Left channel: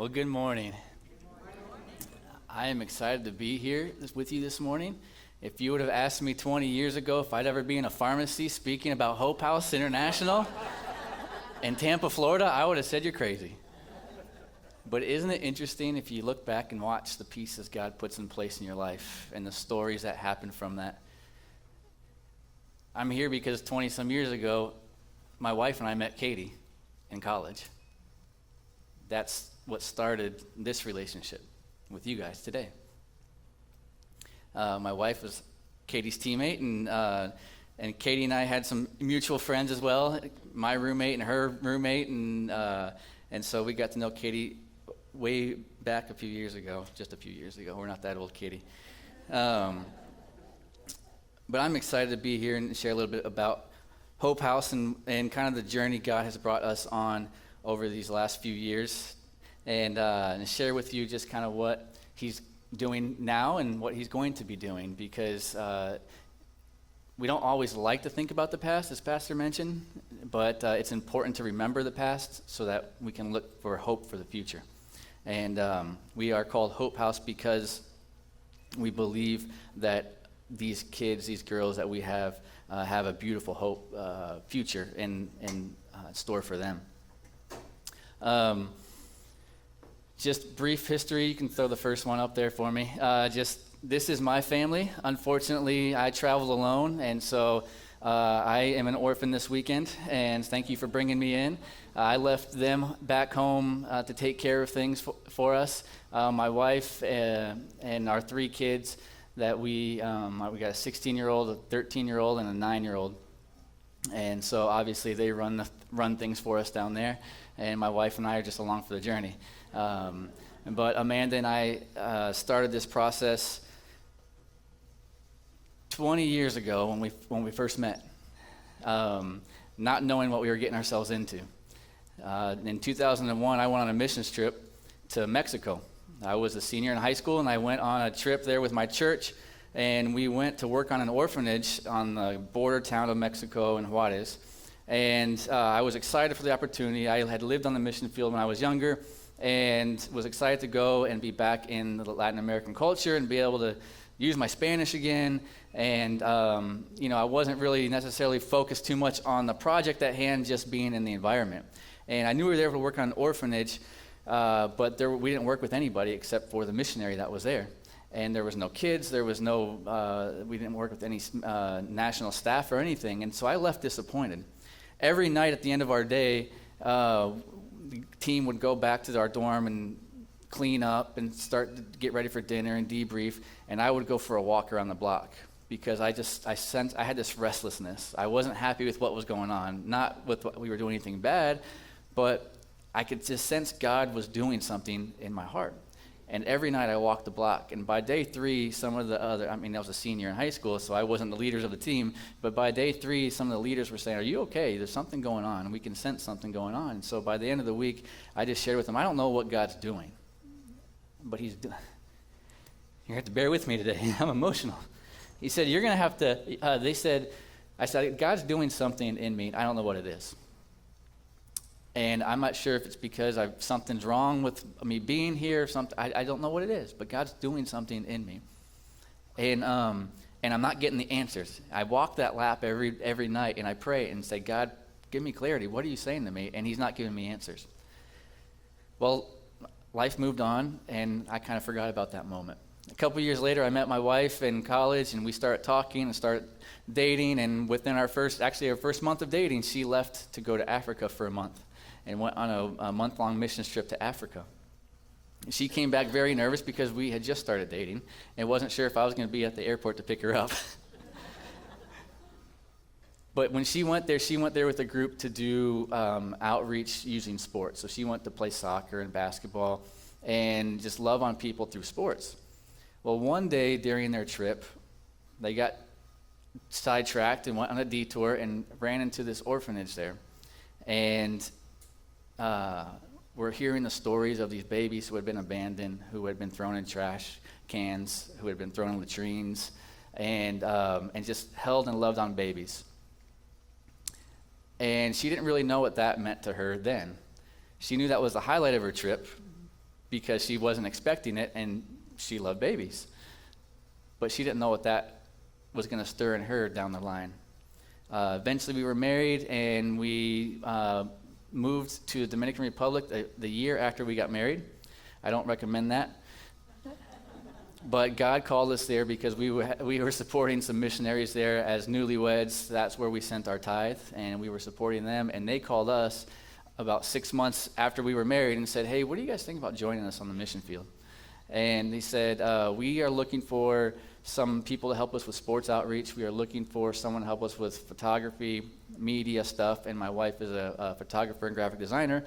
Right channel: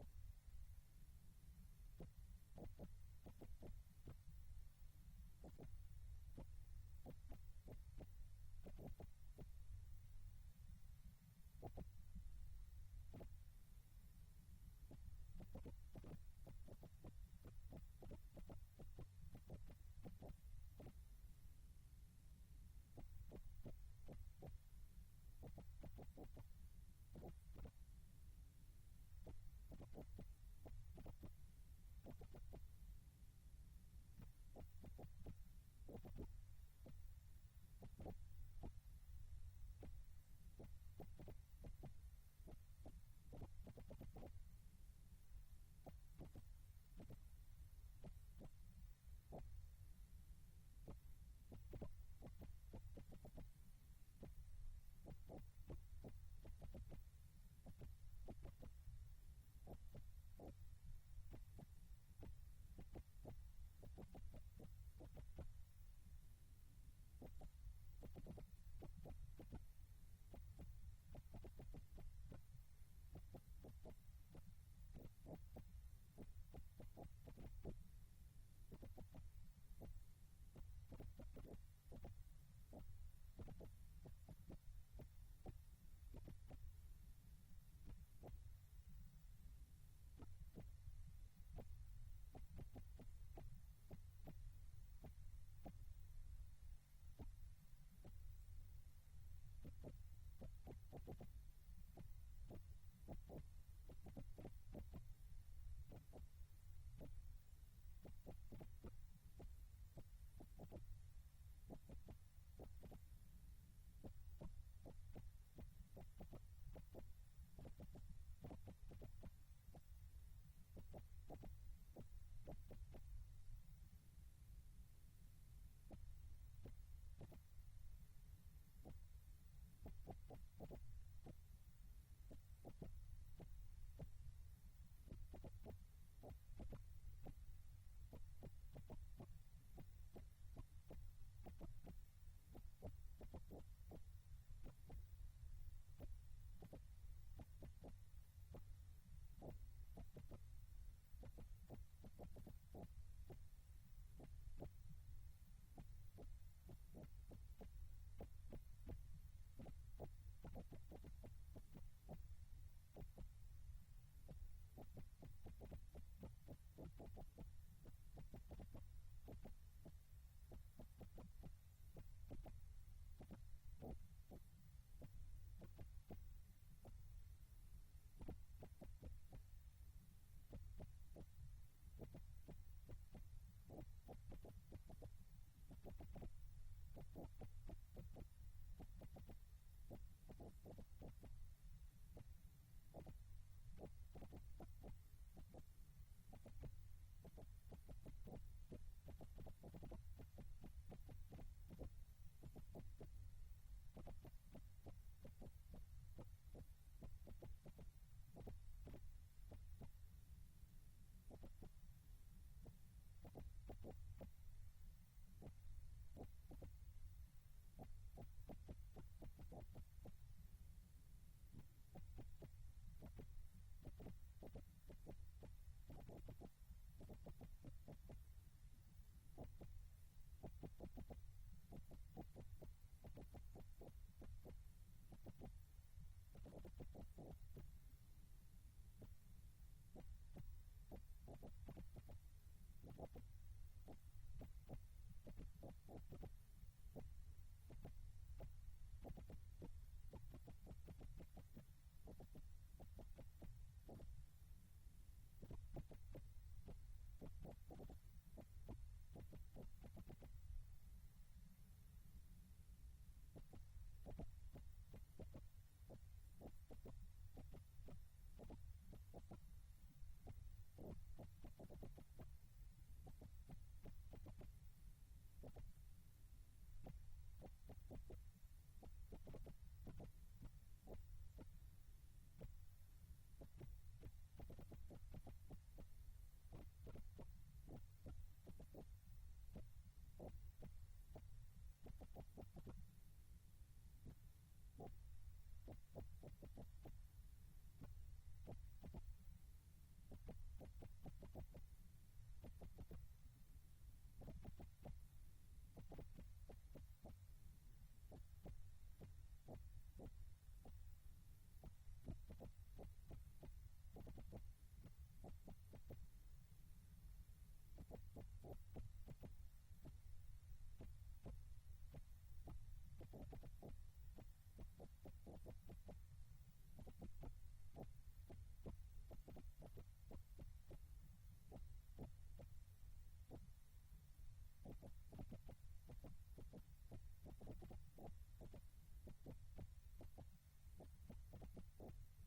Well, good morning. I am excited to be here with you this morning. If you would have asked me 20 years ago if I'd ever be in a pharmacy speaking about Hope House International in Tampa, Florida, I would have said you're crazy. But isn't it interesting if you look back and watch the pieces God puts in place in your life and the stories that happen from that? I'm here because 20-some years ago, my wife and I met Katie in college. That's what started this relationship with you guys today. My wife was Katie's teammate, and Katie and I had some mutual friends as well, my roommate and her roommate, and so we got to know Katie way back a few years ago, just a few years ago. We're not that old, Katie. But I'm excited to be here and share a little bit about Hope House and kind of the journey God has brought us on over these last few years, and share with you just kind of what He's doing now and what He's going to be doing, because we don't always like to think about the past, as Pastor mentioned, but it's important to remember the past so that we can look for hope for the future. And we are called Hope House because we believe that these kids, these girls that we have a beautiful hope future in store for them. Just brief history. You can throw the first one up there for me. This is my family. Unfortunately, I travel alone, and so I am an orphan this weekend, and thank you for bringing me in. I left them back home to take care of things for us. My wife and our three kids that we got a 16-year-old, a 13-year-old, and a 9-year-old. And so obviously they run things for us down there, and my wife and I are just along for the journey. But Amanda and I started this process 20 years ago when we first met, not knowing what we were getting ourselves into. In 2001, I went on a missions trip to Mexico. I was a senior in high school, and I went on a trip there with my church, and we went to work on an orphanage on the border town of Mexico in Juarez. And I was excited for the opportunity. I had lived on the mission field when I was younger, and was excited to go and be back in the Latin American culture and be able to use my Spanish again. And, I wasn't really necessarily focused too much on the project at hand, just being in the environment. And I knew we were there to work on an orphanage, but we didn't work with anybody except for the missionary that was there. And there was no kids, we didn't work with any national staff or anything. And so I left disappointed. Every night at the end of our day, the team would go back to our dorm and clean up and start to get ready for dinner and debrief, and I would go for a walk around the block because I sensed I had this restlessness. I wasn't happy with what was going on, not with what we were doing anything bad, but I could just sense God was doing something in my heart. And every night I walked the block, and by day 3, some of the other, I was a senior in high school, so I wasn't the leaders of the team, but by day 3, some of the leaders were saying, "Are you okay? There's something going on, and we can sense something going on." And so by the end of the week, I just shared with them, I don't know what God's doing, but He's doing. You have to bear with me today. I'm emotional. He said, you're going to have to, I said, God's doing something in me. I don't know what it is. And I'm not sure if it's because something's wrong with me being here or something. I don't know what it is, but God's doing something in me. And I'm not getting the answers. I walk that lap every night, and I pray and say, God, give me clarity. What are you saying to me? And He's not giving me answers. Well, life moved on, and I kind of forgot about that moment. A couple years later, I met my wife in college, and we started talking and started dating. And within our first month of dating, she left to go to Africa for a month and went on a month-long missions trip to Africa. She came back very nervous because we had just started dating and wasn't sure if I was going to be at the airport to pick her up. But when she went there with a group to do outreach using sports. So she went to play soccer and basketball and just love on people through sports. Well, one day during their trip, they got sidetracked and went on a detour and ran into this orphanage there. And we're hearing the stories of these babies who had been abandoned, who had been thrown in trash cans, who had been thrown in latrines, and just held and loved on babies. And she didn't really know what that meant to her then. She knew that was the highlight of her trip, because she wasn't expecting it, and she loved babies. But she didn't know what that was going to stir in her down the line. Eventually, we were married, and we moved to the Dominican Republic the year after we got married. I don't recommend that. But God called us there because we were supporting some missionaries there as newlyweds. That's where we sent our tithe, and we were supporting them. And they called us about 6 months after we were married and said, hey, what do you guys think about joining us on the mission field? And he said, we are looking for some people to help us with sports outreach. We are looking for someone to help us with photography, media stuff. And my wife is a photographer and graphic designer.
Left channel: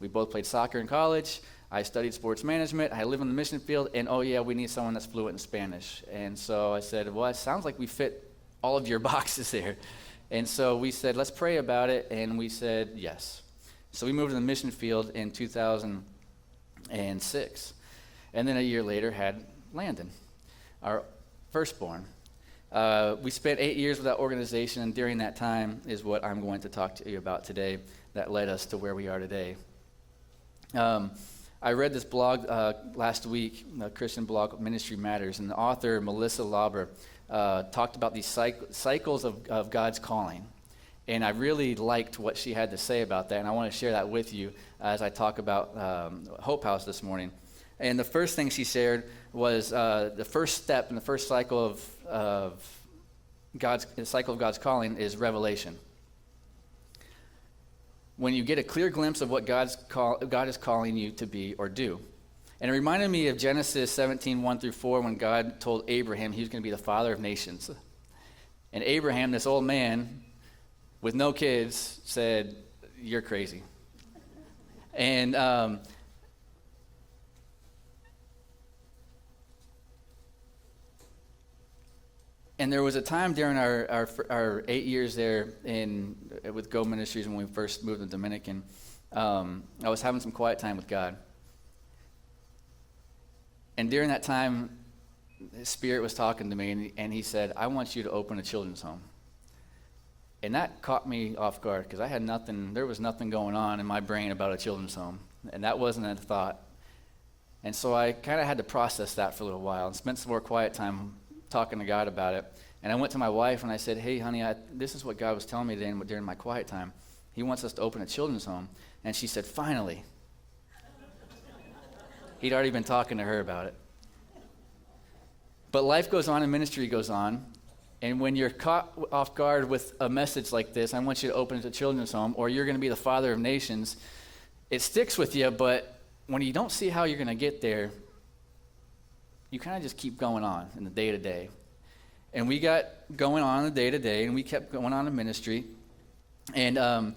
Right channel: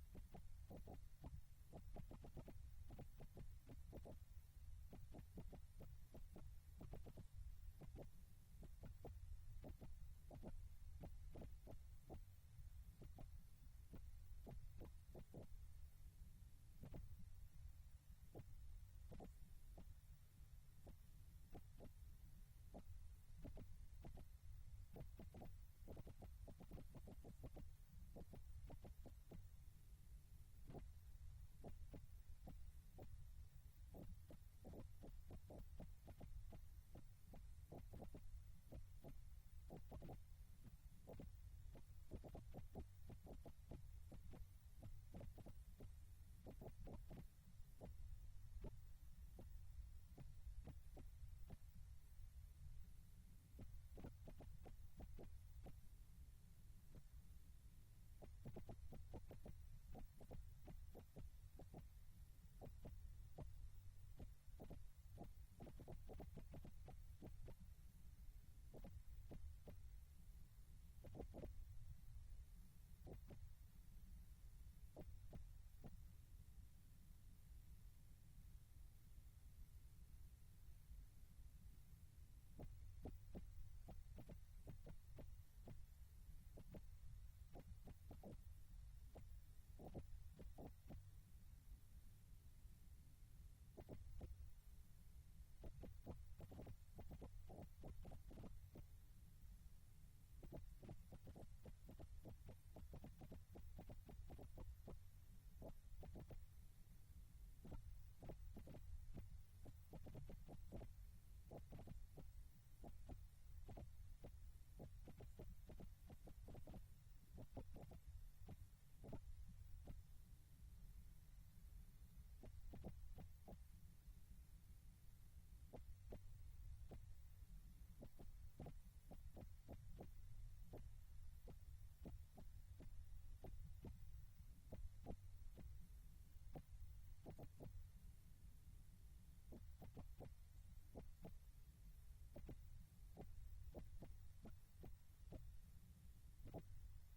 We both played soccer in college. I studied sports management. I live on the mission field. And, oh, yeah, we need someone that's fluent in Spanish. And so I said, well, it sounds like we fit all of your boxes there. And so we said, let's pray about it. And we said, yes. So we moved to the mission field in 2006. And then a year later had Landon, our firstborn. We spent 8 years with that organization, and during that time is what I'm going to talk to you about today that led us to where we are today. I read this blog last week, a Christian blog, Ministry Matters, and the author, Melissa Lauber, talked about these cycles of God's calling. And I really liked what she had to say about that, and I want to share that with you as I talk about Hope House this morning. And the first thing she shared was the first step in the first cycle of God's calling is revelation. When you get a clear glimpse of what God is calling you to be or do. And it reminded me of Genesis 17:1-4, when God told Abraham he was going to be the father of nations. And Abraham, this old man with no kids, said, you're crazy. And there was a time during our 8 years there with Go Ministries when we first moved to Dominican, I was having some quiet time with God. And during that time, His Spirit was talking to me, and He said, I want you to open a children's home. And that caught me off guard, because there was nothing going on in my brain about a children's home. And that wasn't a thought. And so I kind of had to process that for a little while and spent some more quiet time talking to God about it. And I went to my wife and I said, hey, honey, this is what God was telling me during my quiet time. He wants us to open a children's home. And she said, finally. He'd already been talking to her about it. But life goes on and ministry goes on. And when you're caught off guard with a message like this, I want you to open a children's home, or you're going to be the father of nations, it sticks with you, but when you don't see how you're going to get there, you kind of just keep going on in the day-to-day. And we got going on in the day-to-day, and we kept going on in ministry. And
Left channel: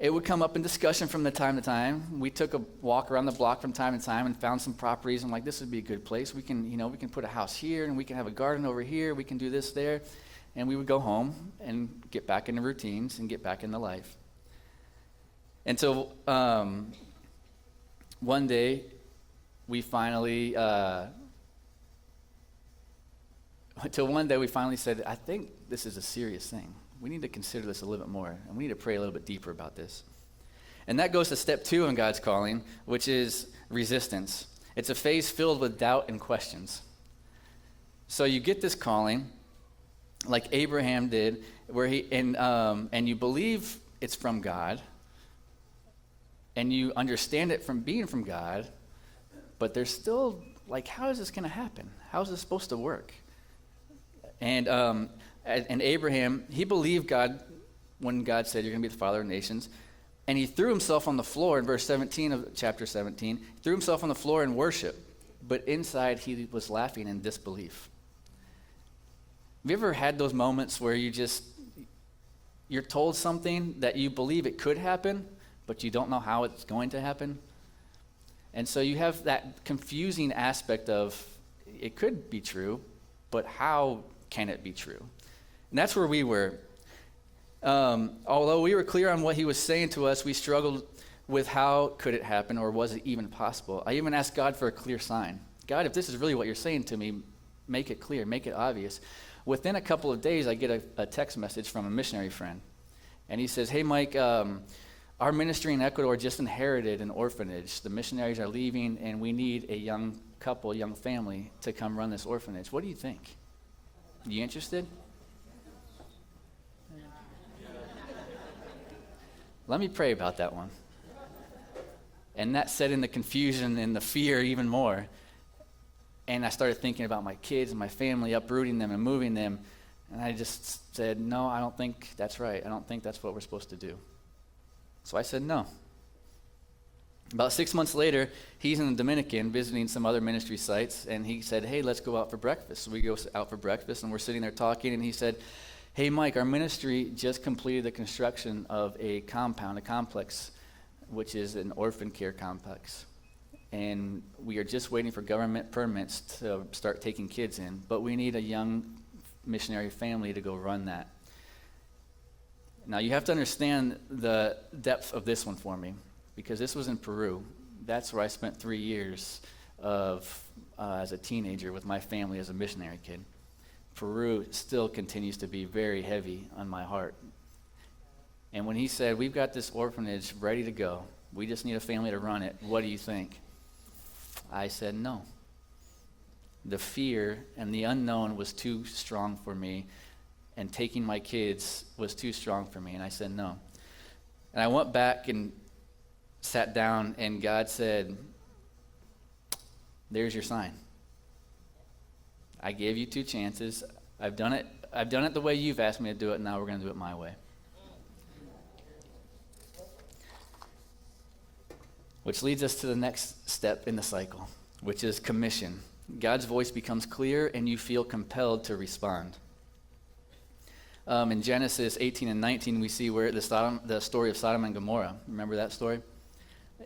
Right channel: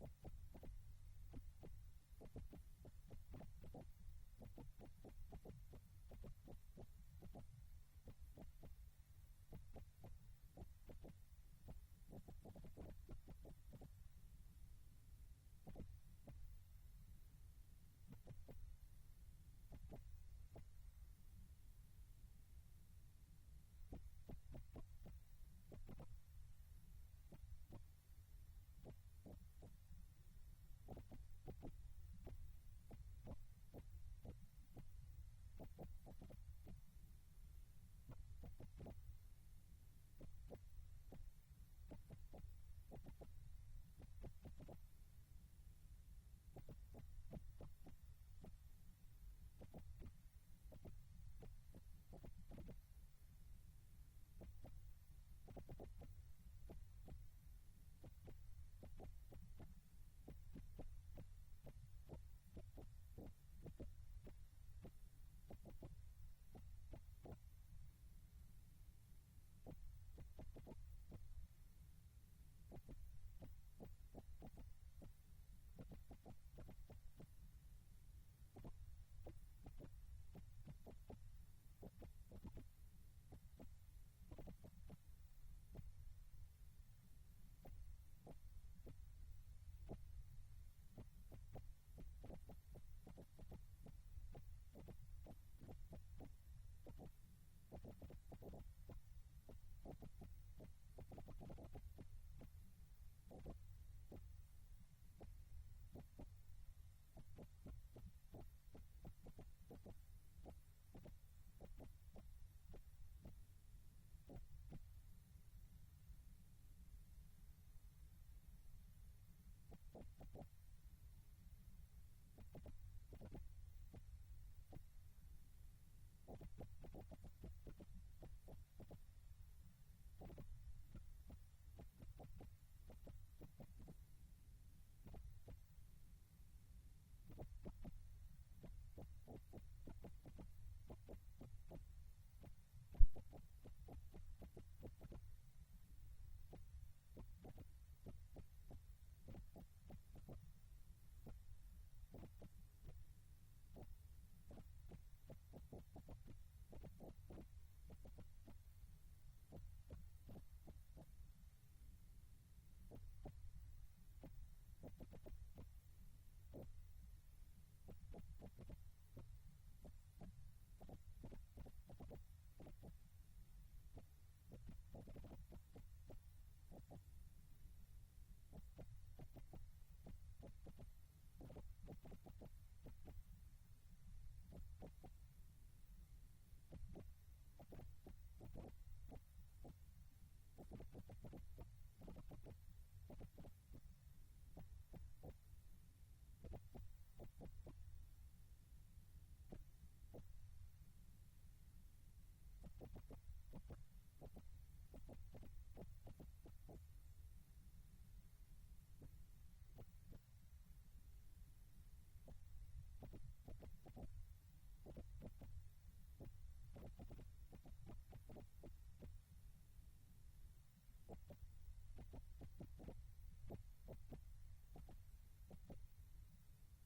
it would come up in discussion from time to time. We took a walk around the block from time to time and found some properties. I'm like, this would be a good place. We can put a house here, and we can have a garden over here. We can do this there. And we would go home and get back into routines and get back into life. Until one day, we finally said, I think this is a serious thing. We need to consider this a little bit more, and we need to pray a little bit deeper about this. And that goes to step 2 in God's calling, which is resistance. It's a phase filled with doubt and questions. So you get this calling, like Abraham did, where and you believe it's from God, and you understand it from being from God, but there's still, like, how is this going to happen? How is this supposed to work? And Abraham, he believed God when God said, you're going to be the father of nations. And he threw himself on the floor in verse 17 of chapter 17, threw himself on the floor in worship. But inside, he was laughing in disbelief. Have you ever had those moments where you're told something that you believe it could happen, but you don't know how it's going to happen? And so you have that confusing aspect of, it could be true, but how can it be true? And that's where we were. Although we were clear on what he was saying to us, we struggled with how could it happen, or was it even possible? I even asked God for a clear sign. God, if this is really what you're saying to me, make it clear, make it obvious. Within a couple of days, I get a text message from a missionary friend. And he says, hey, Mike, our our ministry in Ecuador just inherited an orphanage. The missionaries are leaving, and we need a young couple, a young family to come run this orphanage. What do you think? You interested? Let me pray about that one. And that set in the confusion and the fear even more. And I started thinking about my kids and my family, uprooting them and moving them. And I just said, no, I don't think that's right. I don't think that's what we're supposed to do. So I said no. About 6 months later, he's in the Dominican visiting some other ministry sites, and he said, hey, let's go out for breakfast. So we go out for breakfast, and we're sitting there talking, and he said, hey, Mike, our ministry just completed the construction of a compound, a complex, which is an orphan care complex. And we are just waiting for government permits to start taking kids in, but we need a young missionary family to go run that. Now, you have to understand the depth of this one for me, because this was in Peru. That's where I spent 3 years as a teenager with my family as a missionary kid. Peru still continues to be very heavy on my heart. And when he said, we've got this orphanage ready to go, we just need a family to run it, what do you think? I said no. The fear and the unknown was too strong for me, and taking my kids was too strong for me, and I said no. And I went back and sat down, and God said, there's your sign. I gave you 2 chances. I've done it the way you've asked me to do it, and now we're going to do it my way. Which leads us to the next step in the cycle, which is commission. God's voice becomes clear, and you feel compelled to respond. In Genesis 18 and 19, we see where the story of Sodom and Gomorrah. Remember that story?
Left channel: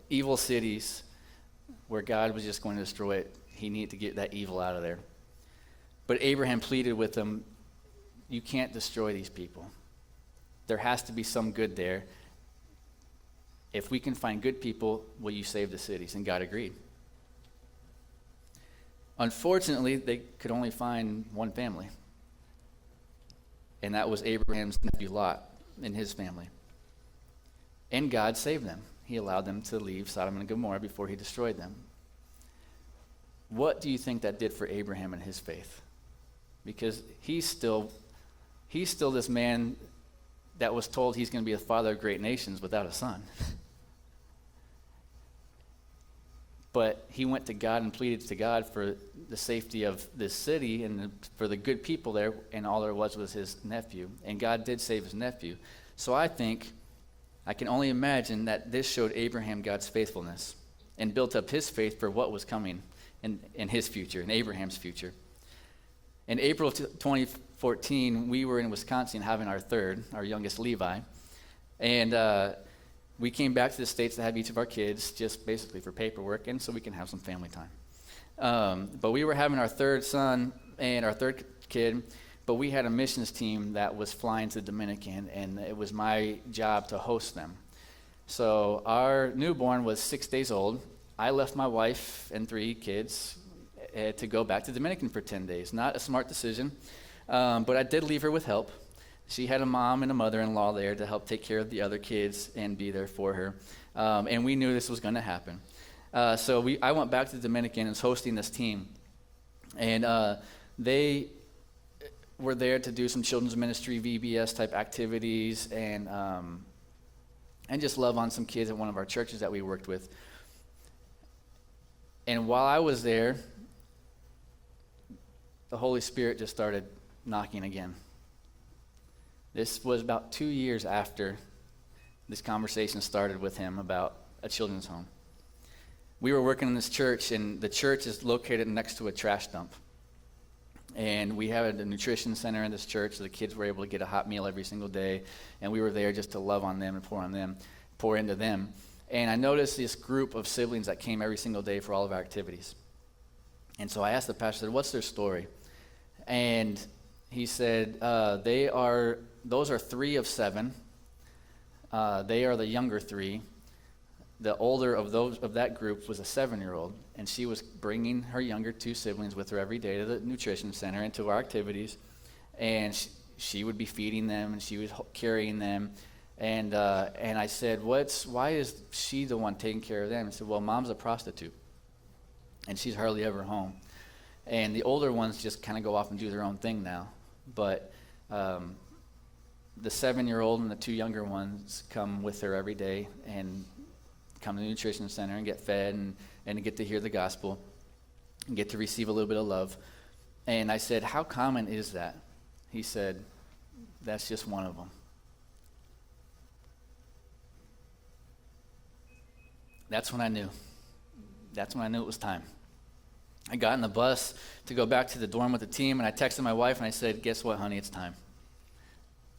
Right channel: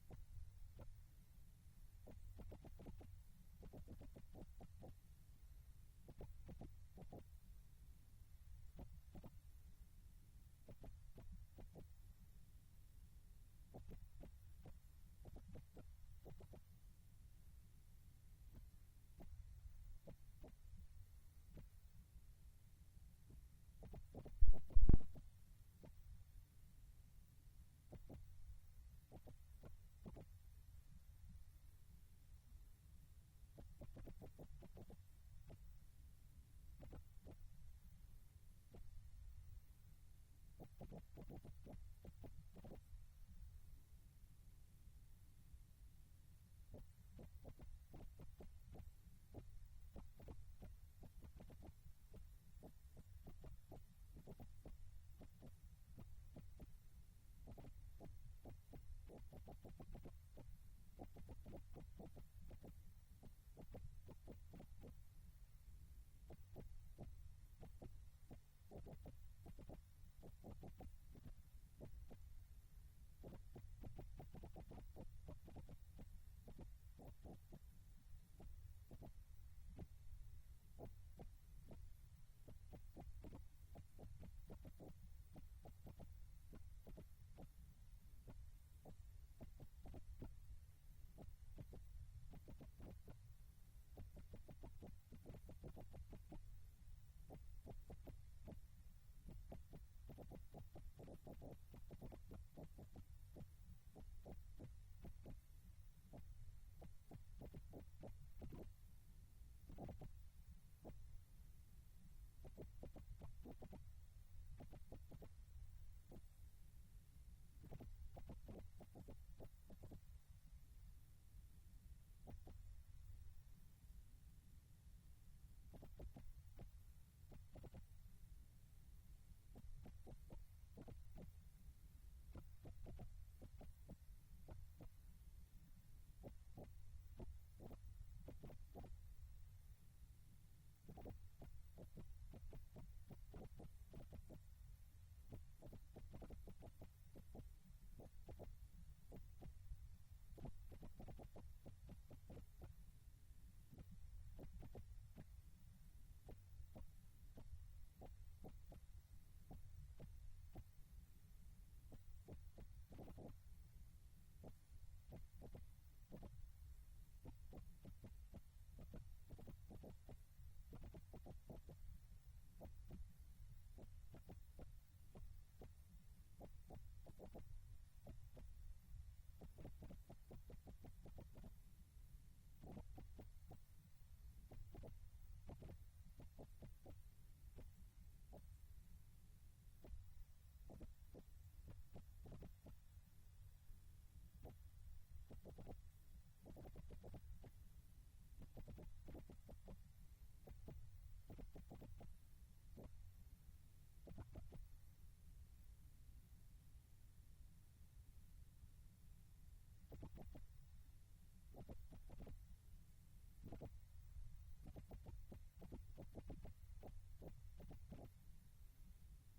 Evil cities where God was just going to destroy it. He needed to get that evil out of there. But Abraham pleaded with them, you can't destroy these people. There has to be some good there. If we can find good people, will you save the cities? And God agreed. Unfortunately, they could only find one family. And that was Abraham's nephew Lot and his family. And God saved them. He allowed them to leave Sodom and Gomorrah before he destroyed them. What do you think that did for Abraham and his faith? Because he's still this man that was told he's going to be the father of great nations without a son. But he went to God and pleaded to God for the safety of this city and for the good people there, and all there was his nephew. And God did save his nephew. So I can only imagine that this showed Abraham God's faithfulness and built up his faith for what was coming in his future, in Abraham's future. In April of 2014, we were in Wisconsin having our youngest Levi. And we came back to the States to have each of our kids, just basically for paperwork and so we can have some family time. But we were having our third son and our third kid, but we had a missions team that was flying to the Dominican, and it was my job to host them. So our newborn was 6 days old. I left my wife and 3 kids to go back to the Dominican for 10 days. Not a smart decision, but I did leave her with help. She had a mom and a mother-in-law there to help take care of the other kids and be there for her. And we knew this was going to happen. So I went back to the Dominican and was hosting this team. And they were there to do some children's ministry, VBS type activities, and just love on some kids at one of our churches that we worked with. And while I was there, the Holy Spirit just started knocking again. This was about 2 years after this conversation started with him about a children's home. We were working in this church, and the church is located next to a trash dump. And we had a nutrition center in this church, so the kids were able to get a hot meal every single day. And we were there just to love on them and pour into them. And I noticed this group of siblings that came every single day for all of our activities. And so I asked the pastor, what's their story? And he said, those are 3 of 7. They are the younger 3. The older of that group was a 7-year-old, and she was bringing her younger 2 siblings with her every day to the nutrition center and to our activities, and she would be feeding them, and she was carrying them, And I said, why is she the one taking care of them? I said, well, mom's a prostitute, and she's hardly ever home. And the older ones just kind of go off and do their own thing now. But the 7-year-old and the 2 younger ones come with her every day and come to the nutrition center and get fed and get to hear the gospel and get to receive a little bit of love. And I said, how common is that? He said, that's just one of them. That's when I knew. That's when I knew it was time. I got in the bus to go back to the dorm with the team, and I texted my wife, and I said, guess what, honey, it's time.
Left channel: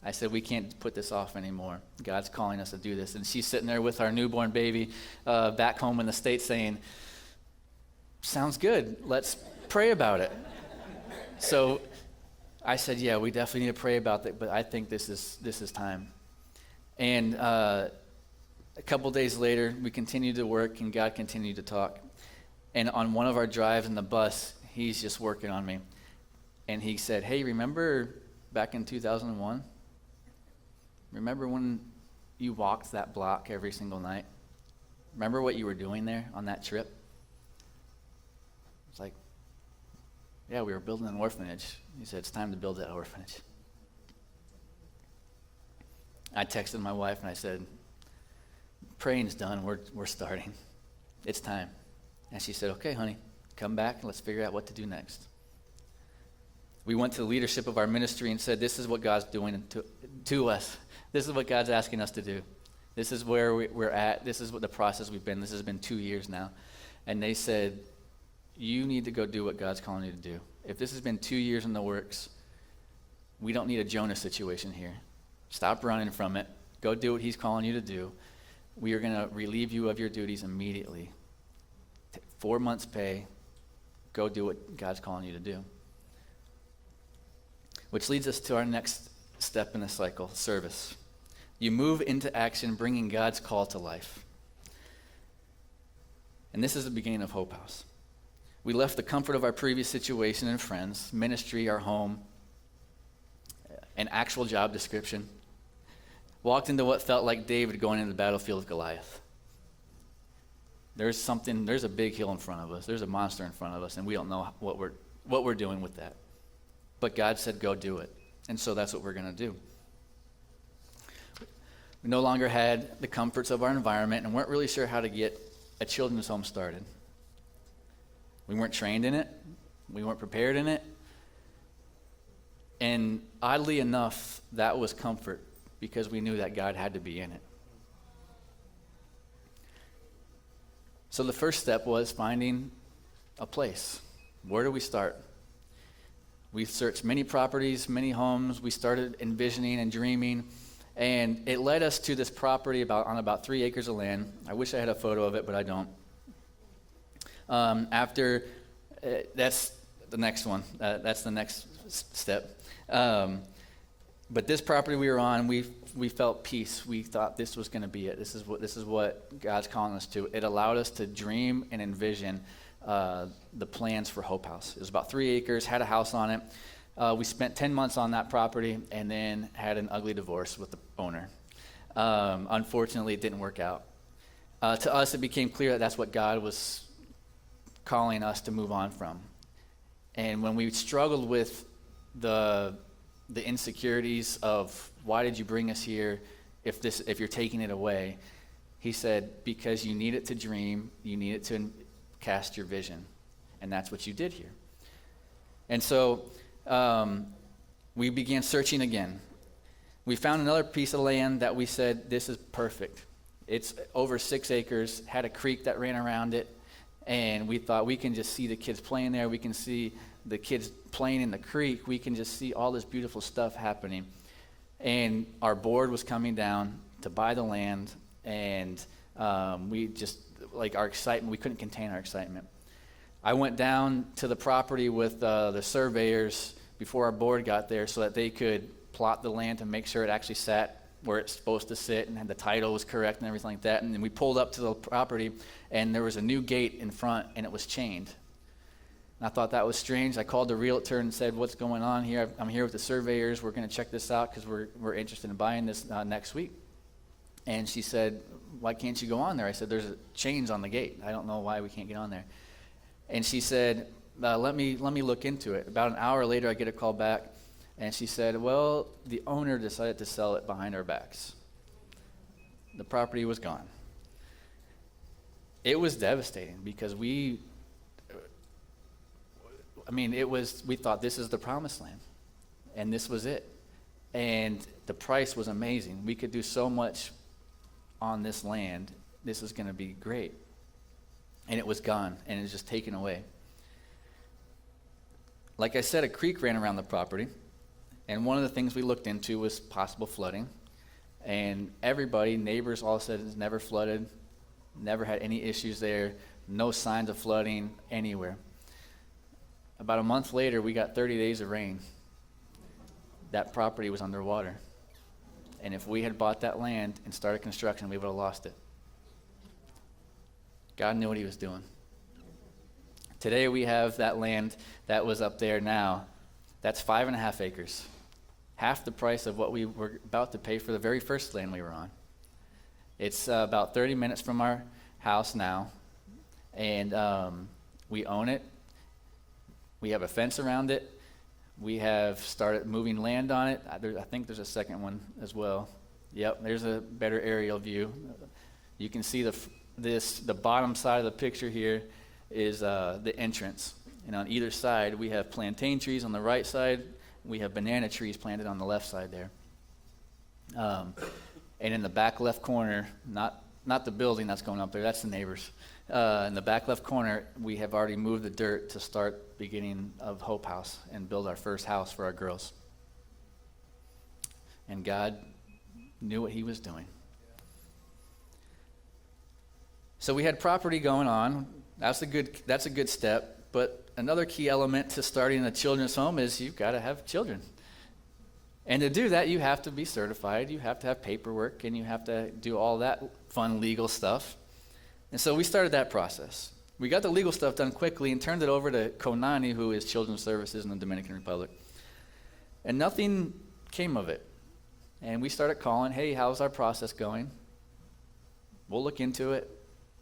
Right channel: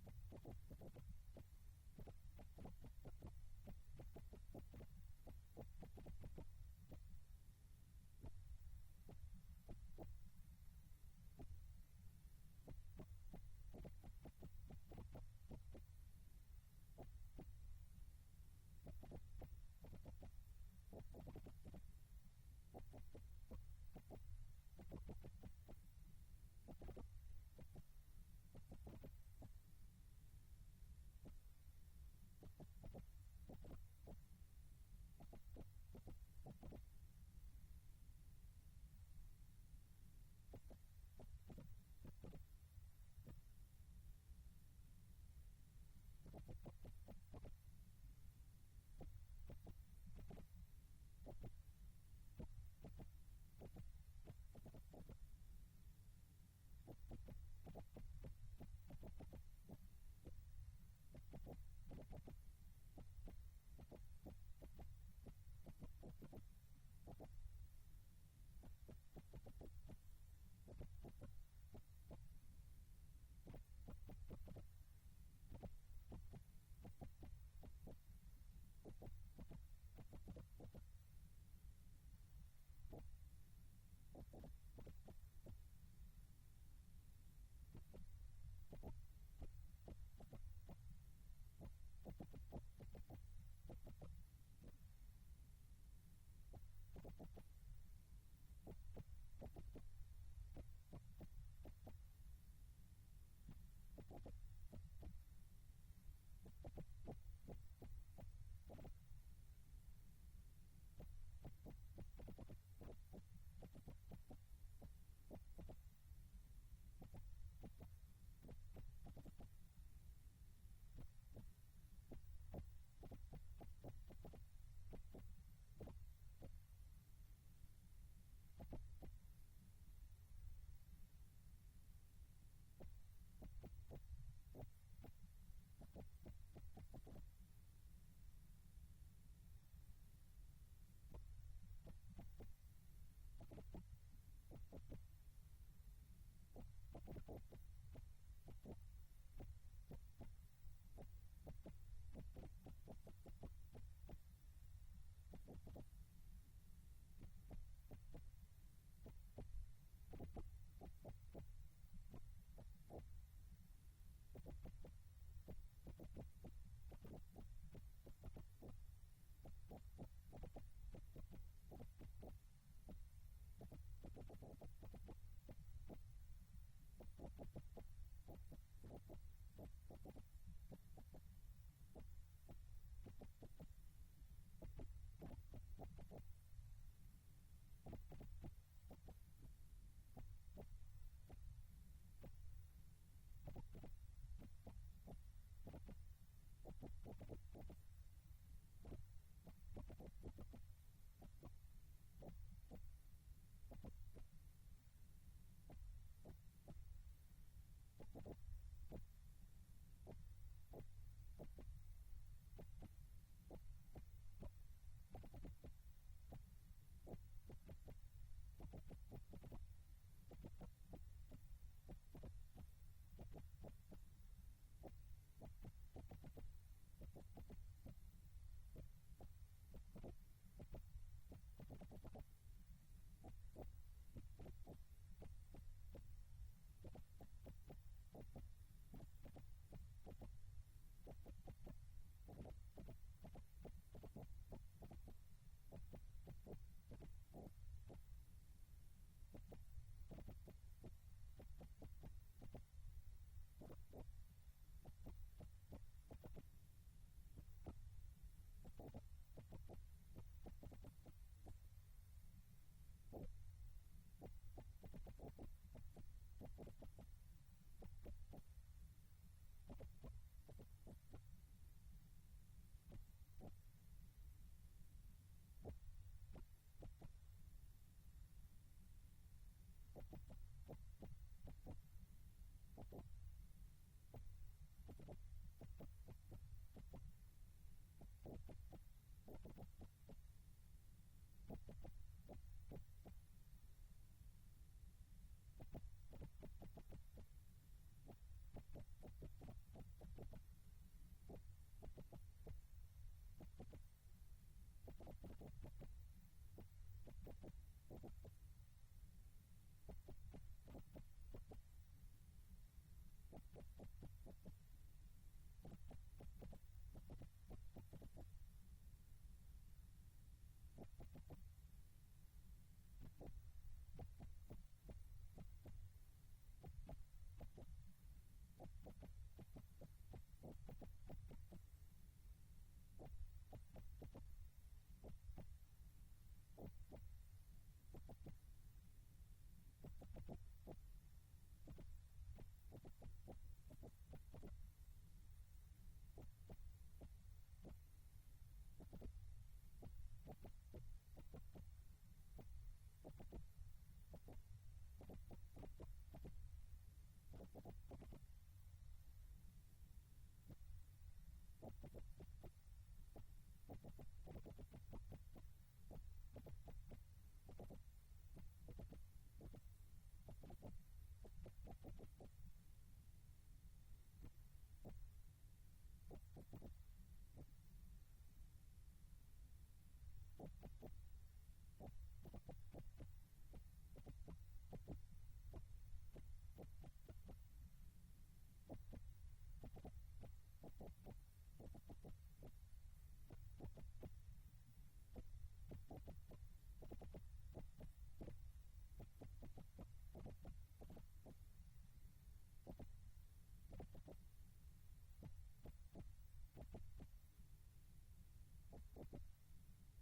I said, we can't put this off anymore. God's calling us to do this. And she's sitting there with our newborn baby back home in the States saying, sounds good. Let's pray about it. So I said, yeah, we definitely need to pray about that, but I think this is time. And a couple days later, we continued to work, and God continued to talk. And on one of our drives in the bus, he's just working on me. And he said, hey, remember back in 2001? Remember when you walked that block every single night? Remember what you were doing there on that trip? It's like, yeah, we were building an orphanage. He said, it's time to build that orphanage. I texted my wife and I said, praying's done, we're starting. It's time. And she said, okay, honey, come back and let's figure out what to do next. We went to the leadership of our ministry and said, this is what God's doing to us. This is what God's asking us to do. This is where we're at. This is what the process we've been. This has been 2 years now. And they said, you need to go do what God's calling you to do. If this has been 2 years in the works, we don't need a Jonah situation here. Stop running from it. Go do what he's calling you to do. We are going to relieve you of your duties immediately. 4 months pay. Go do what God's calling you to do. Which leads us to our next step in the cycle, service. You move into action, bringing God's call to life. And this is the beginning of Hope House. We left the comfort of our previous situation and friends, ministry, our home, an actual job description, walked into what felt like David going into the battlefield of Goliath. There's a big hill in front of us. There's a monster in front of us, and we don't know what we're doing with that. But God said, go do it. And so that's what we're going to do. We no longer had the comforts of our environment and weren't really sure how to get a children's home started. We weren't trained in it. We weren't prepared in it. And oddly enough, that was comfort because we knew that God had to be in it. So the first step was finding a place. Where do we start? We searched many properties, many homes. We started envisioning and dreaming. And it led us to this property on about 3 acres of land. I wish I had a photo of it, but I don't. That's the next one. That's the next step. But this property we were on, we felt peace. We thought this was going to be it. This is what God's calling us to. It allowed us to dream and envision the plans for Hope House. It was about 3 acres, had a house on it. We spent 10 months on that property and then had an ugly divorce with the owner. Unfortunately, it didn't work out. To us, it became clear that that's what God was calling us to move on from. And when we struggled with the insecurities of why did you bring us here if you're taking it away, he said, because you need it to dream, you need it to cast your vision. And that's what you did here. And so we began searching again. We found another piece of land that we said, this is perfect. It's over 6 acres, had a creek that ran around it, and we thought we can just see the kids playing there. We can see the kids playing in the creek. We can just see all this beautiful stuff happening. And our board was coming down to buy the land, and we just, like our excitement, we couldn't contain our excitement. I went down to the property with the surveyors before our board got there so that they could plot the land to make sure it actually sat where it's supposed to sit and the title was correct and everything like that. And then we pulled up to the property, and there was a new gate in front, and it was chained. And I thought that was strange. I called the realtor and said, what's going on here? I'm here with the surveyors. We're going to check this out because we're interested in buying this next week. And she said, why can't you go on there? I said, there's chains on the gate. I don't know why we can't get on there. And she said, let me look into it. About an hour later, I get a call back, and she said, well, the owner decided to sell it behind our backs. The property was gone. It was devastating because we thought this is the promised land, and this was it. And the price was amazing. We could do so much on this land. This is going to be great. And it was gone, and it was just taken away. Like I said, a creek ran around the property, and one of the things we looked into was possible flooding. And everybody, neighbors all said it's never flooded, never had any issues there, no signs of flooding anywhere. About a month later, we got 30 days of rain. That property was underwater. And if we had bought that land and started construction, we would have lost it. God knew what he was doing. Today we have that land that was up there now. That's 5.5 acres. Half the price of what we were about to pay for the very first land we were on. It's about 30 minutes from our house now. And we own it. We have a fence around it. We have started moving land on it. I think there's a second one as well. Yep, there's a better aerial view. You can see the bottom side of the picture here is the entrance. And on either side, we have plantain trees on the right side. We have banana trees planted on the left side there. And in the back left corner, not the building that's going up there, that's the neighbors. In the back left corner, we have already moved the dirt to start beginning of Hope House and build our first house for our girls. And God knew what he was doing. So we had property going on. That's a good step. But another key element to starting a children's home is you've got to have children. And to do that, you have to be certified. You have to have paperwork, and you have to do all that fun legal stuff. And so we started that process. We got the legal stuff done quickly and turned it over to Konani, who is Children's Services in the Dominican Republic. And nothing came of it. And we started calling, hey, how's our process going? We'll look into it.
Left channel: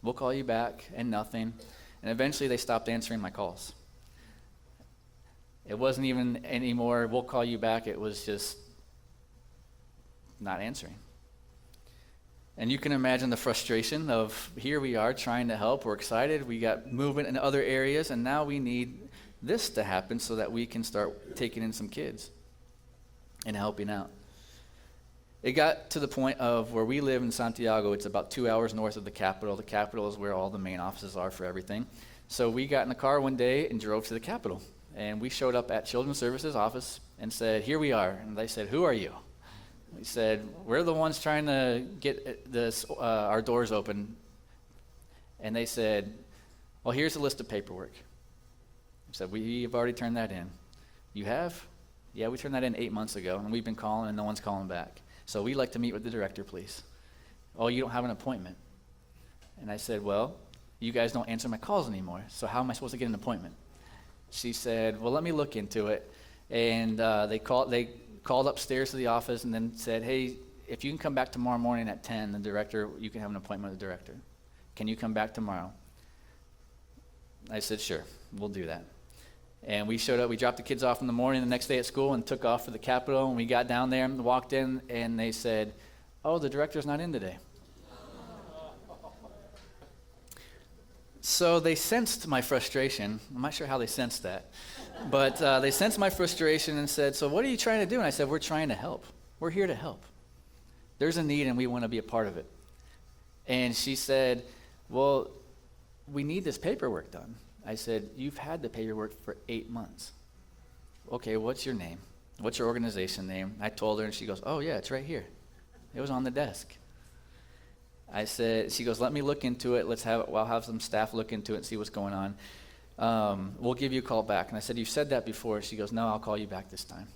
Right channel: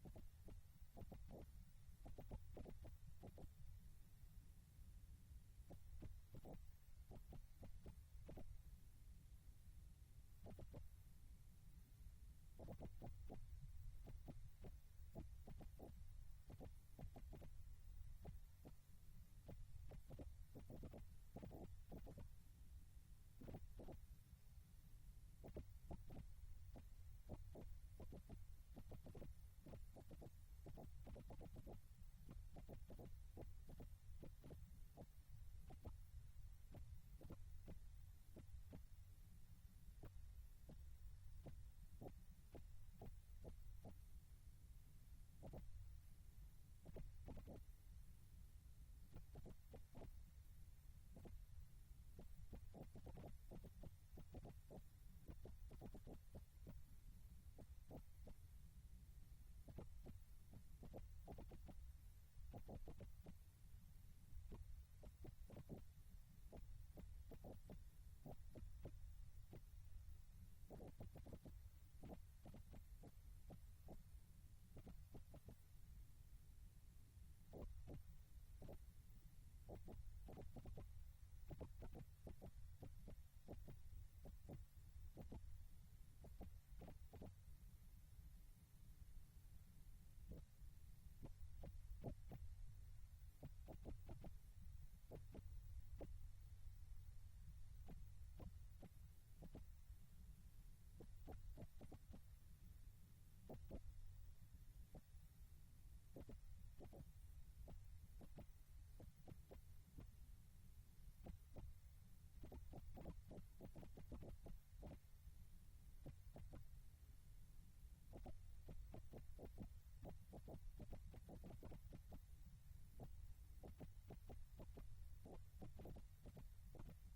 We'll call you back, and nothing. And eventually they stopped answering my calls. It wasn't even anymore, we'll call you back. It was just not answering. And you can imagine the frustration of here we are trying to help. We're excited. We got movement in other areas, and now we need this to happen so that we can start taking in some kids and helping out. It got to the point of where we live in Santiago. It's about 2 hours north of the capital. The capital is where all the main offices are for everything. So we got in the car one day and drove to the capital. And we showed up at Children's Services office and said, here we are. And they said, who are you? We said, we're the ones trying to get our doors open. And they said, well, here's a list of paperwork. I said, we've already turned that in. You have? Yeah, we turned that in 8 months ago, and we've been calling, and no one's calling back. So we'd like to meet with the director, please. Oh, you don't have an appointment. And I said, well, you guys don't answer my calls anymore, so how am I supposed to get an appointment? She said, well, let me look into it. And they called upstairs to the office and then said, hey, if you can come back tomorrow morning at 10, the director, you can have an appointment with the director. Can you come back tomorrow? I said, sure, we'll do that. And we showed up, we dropped the kids off in the morning the next day at school and took off for the Capitol. And we got down there and walked in, and they said, oh, the director's not in today. So they sensed my frustration. I'm not sure how they sensed that. But they sensed my frustration and said, so what are you trying to do? And I said, we're trying to help. We're here to help. There's a need, and we want to be a part of it. And she said, well, we need this paperwork done. I said, you've had the paperwork for 8 months. Okay, what's your name? What's your organization name? I told her, and she goes, oh, yeah, it's right here. It was on the desk. I said, she goes, let me look into it. I'll have some staff look into it and see what's going on. We'll give you a call back. And I said, you've said that before. She goes, no, I'll call you back this time.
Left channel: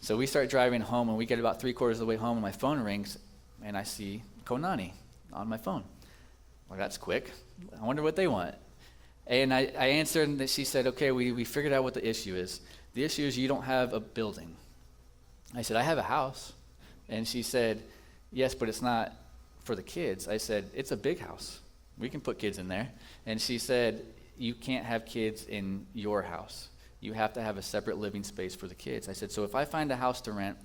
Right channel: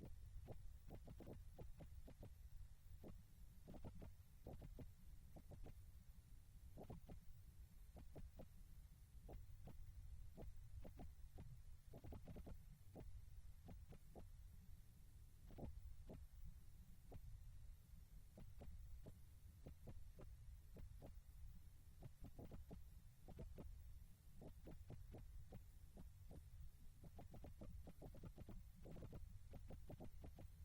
So we start driving home, and we get about 3/4 of the way home, and my phone rings, and I see Konani on my phone. Well, that's quick. I wonder what they want. And I answered, and she said, okay, we figured out what the issue is. The issue is you don't have a building. I said, I have a house. And she said, yes, but it's not for the kids. I said, it's a big house. We can put kids in there. And she said, you can't have kids in your house. You have to have a separate living space for the kids. I said, so if I find a house to rent,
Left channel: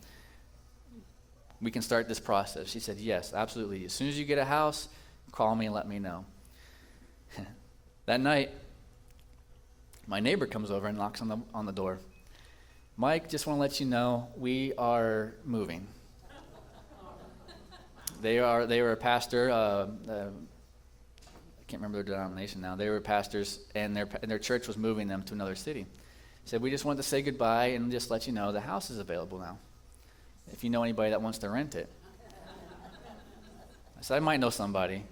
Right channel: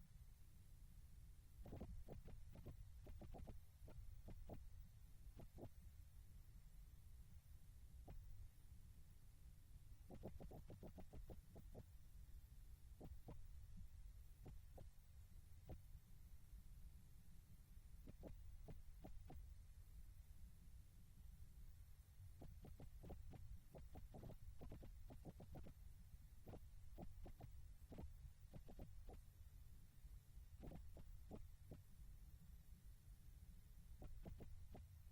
we can start this process. She said, yes, absolutely. As soon as you get a house, call me and let me know. That night, my neighbor comes over and knocks on the door. Mike, just want to let you know, we are moving. They were a pastor. I can't remember their denomination now. They were pastors, and their church was moving them to another city. Said, we just wanted to say goodbye and just let you know the house is available now, if you know anybody that wants to rent it. I said, I might know somebody.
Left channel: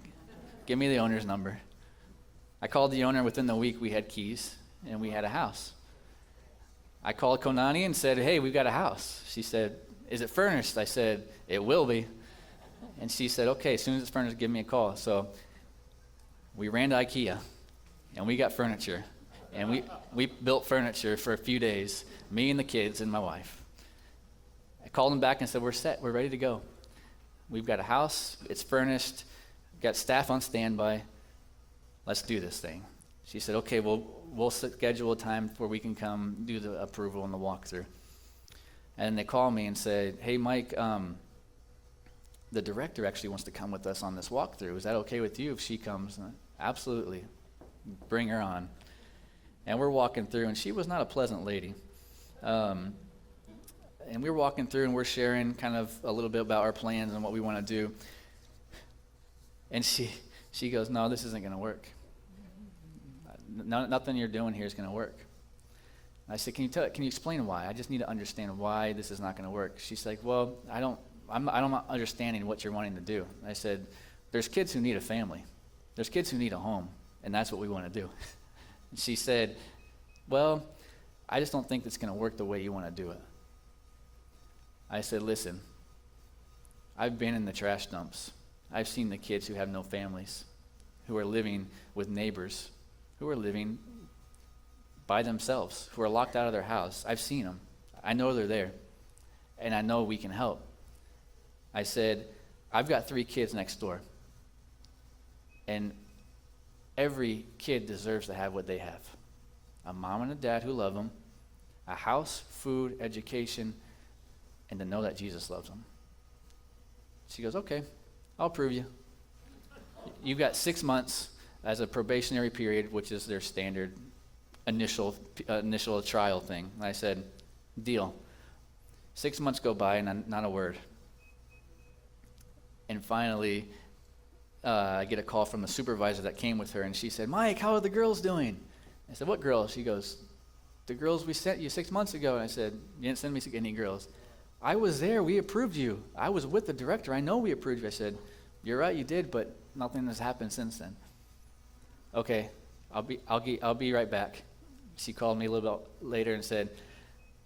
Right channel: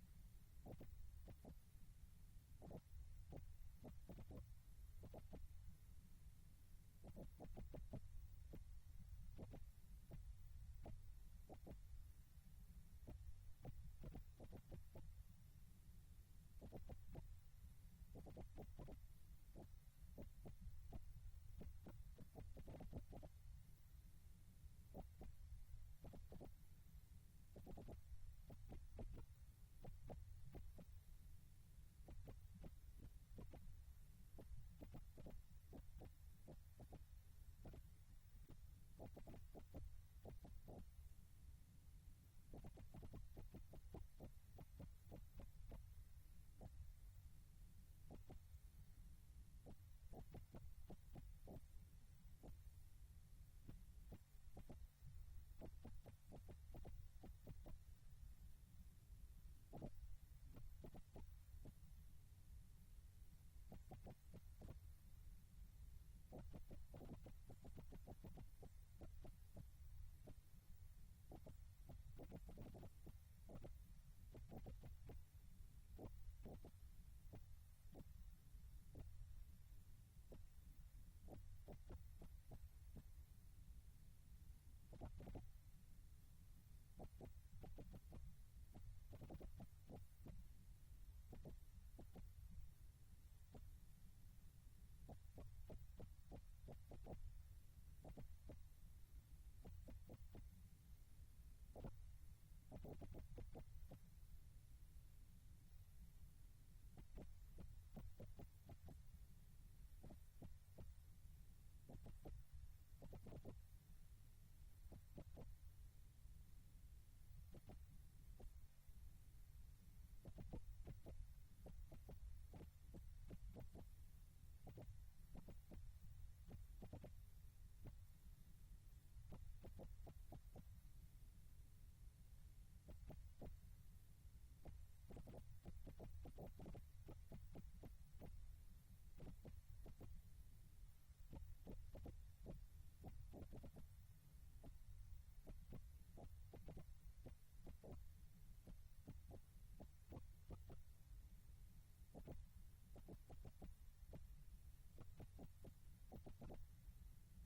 Give me the owner's number. I called the owner. Within the week, we had keys, and we had a house. I called Konani and said, hey, we've got a house. She said, is it furnished? I said, it will be. And she said, okay, as soon as it's furnished, give me a call. So we ran to IKEA, and we got furniture. And we built furniture for a few days, me and the kids and my wife. I called them back and said, we're set. We're ready to go. We've got a house. It's furnished. We've got staff on standby. Let's do this thing. She said, okay, we'll schedule a time where we can come do the approval and the walkthrough. And they called me and said, hey, Mike, the director actually wants to come with us on this walkthrough. Is that okay with you if she comes? Absolutely. Bring her on. And we're walking through, and she was not a pleasant lady. And we were walking through, and we're sharing kind of a little bit about our plans and what we want to do. And she goes, no, this isn't going to work. Nothing you're doing here is going to work. I said, can you explain why? I just need to understand why this is not going to work. She's like, well, I'm not understanding what you're wanting to do. I said, there's kids who need a family. There's kids who need a home, and that's what we want to do. And she said, well, I just don't think it's going to work the way you want to do it. I said, listen, I've been in the trash dumps. I've seen the kids who have no families, who are living with neighbors, who are living by themselves, who are locked out of their house. I've seen them. I know they're there, and I know we can help. I said, I've got 3 kids next door, and every kid deserves to have what they have. A mom and a dad who love them, a house, food, education, and to know that Jesus loves them. She goes, okay, I'll prove you. You've got 6 months as a probationary period, which is their standard initial trial thing. And I said, deal. 6 months go by and not a word. And finally, I get a call from the supervisor that came with her, and she said, Mike, how are the girls doing? I said, what girls? She goes, the girls we sent you 6 months ago. And I said, you didn't send me any girls. I was there. We approved you. I was with the director. I know we approved you. I said, you're right, you did, but nothing has happened since then. Okay, I'll be right back. She called me a little bit later and said,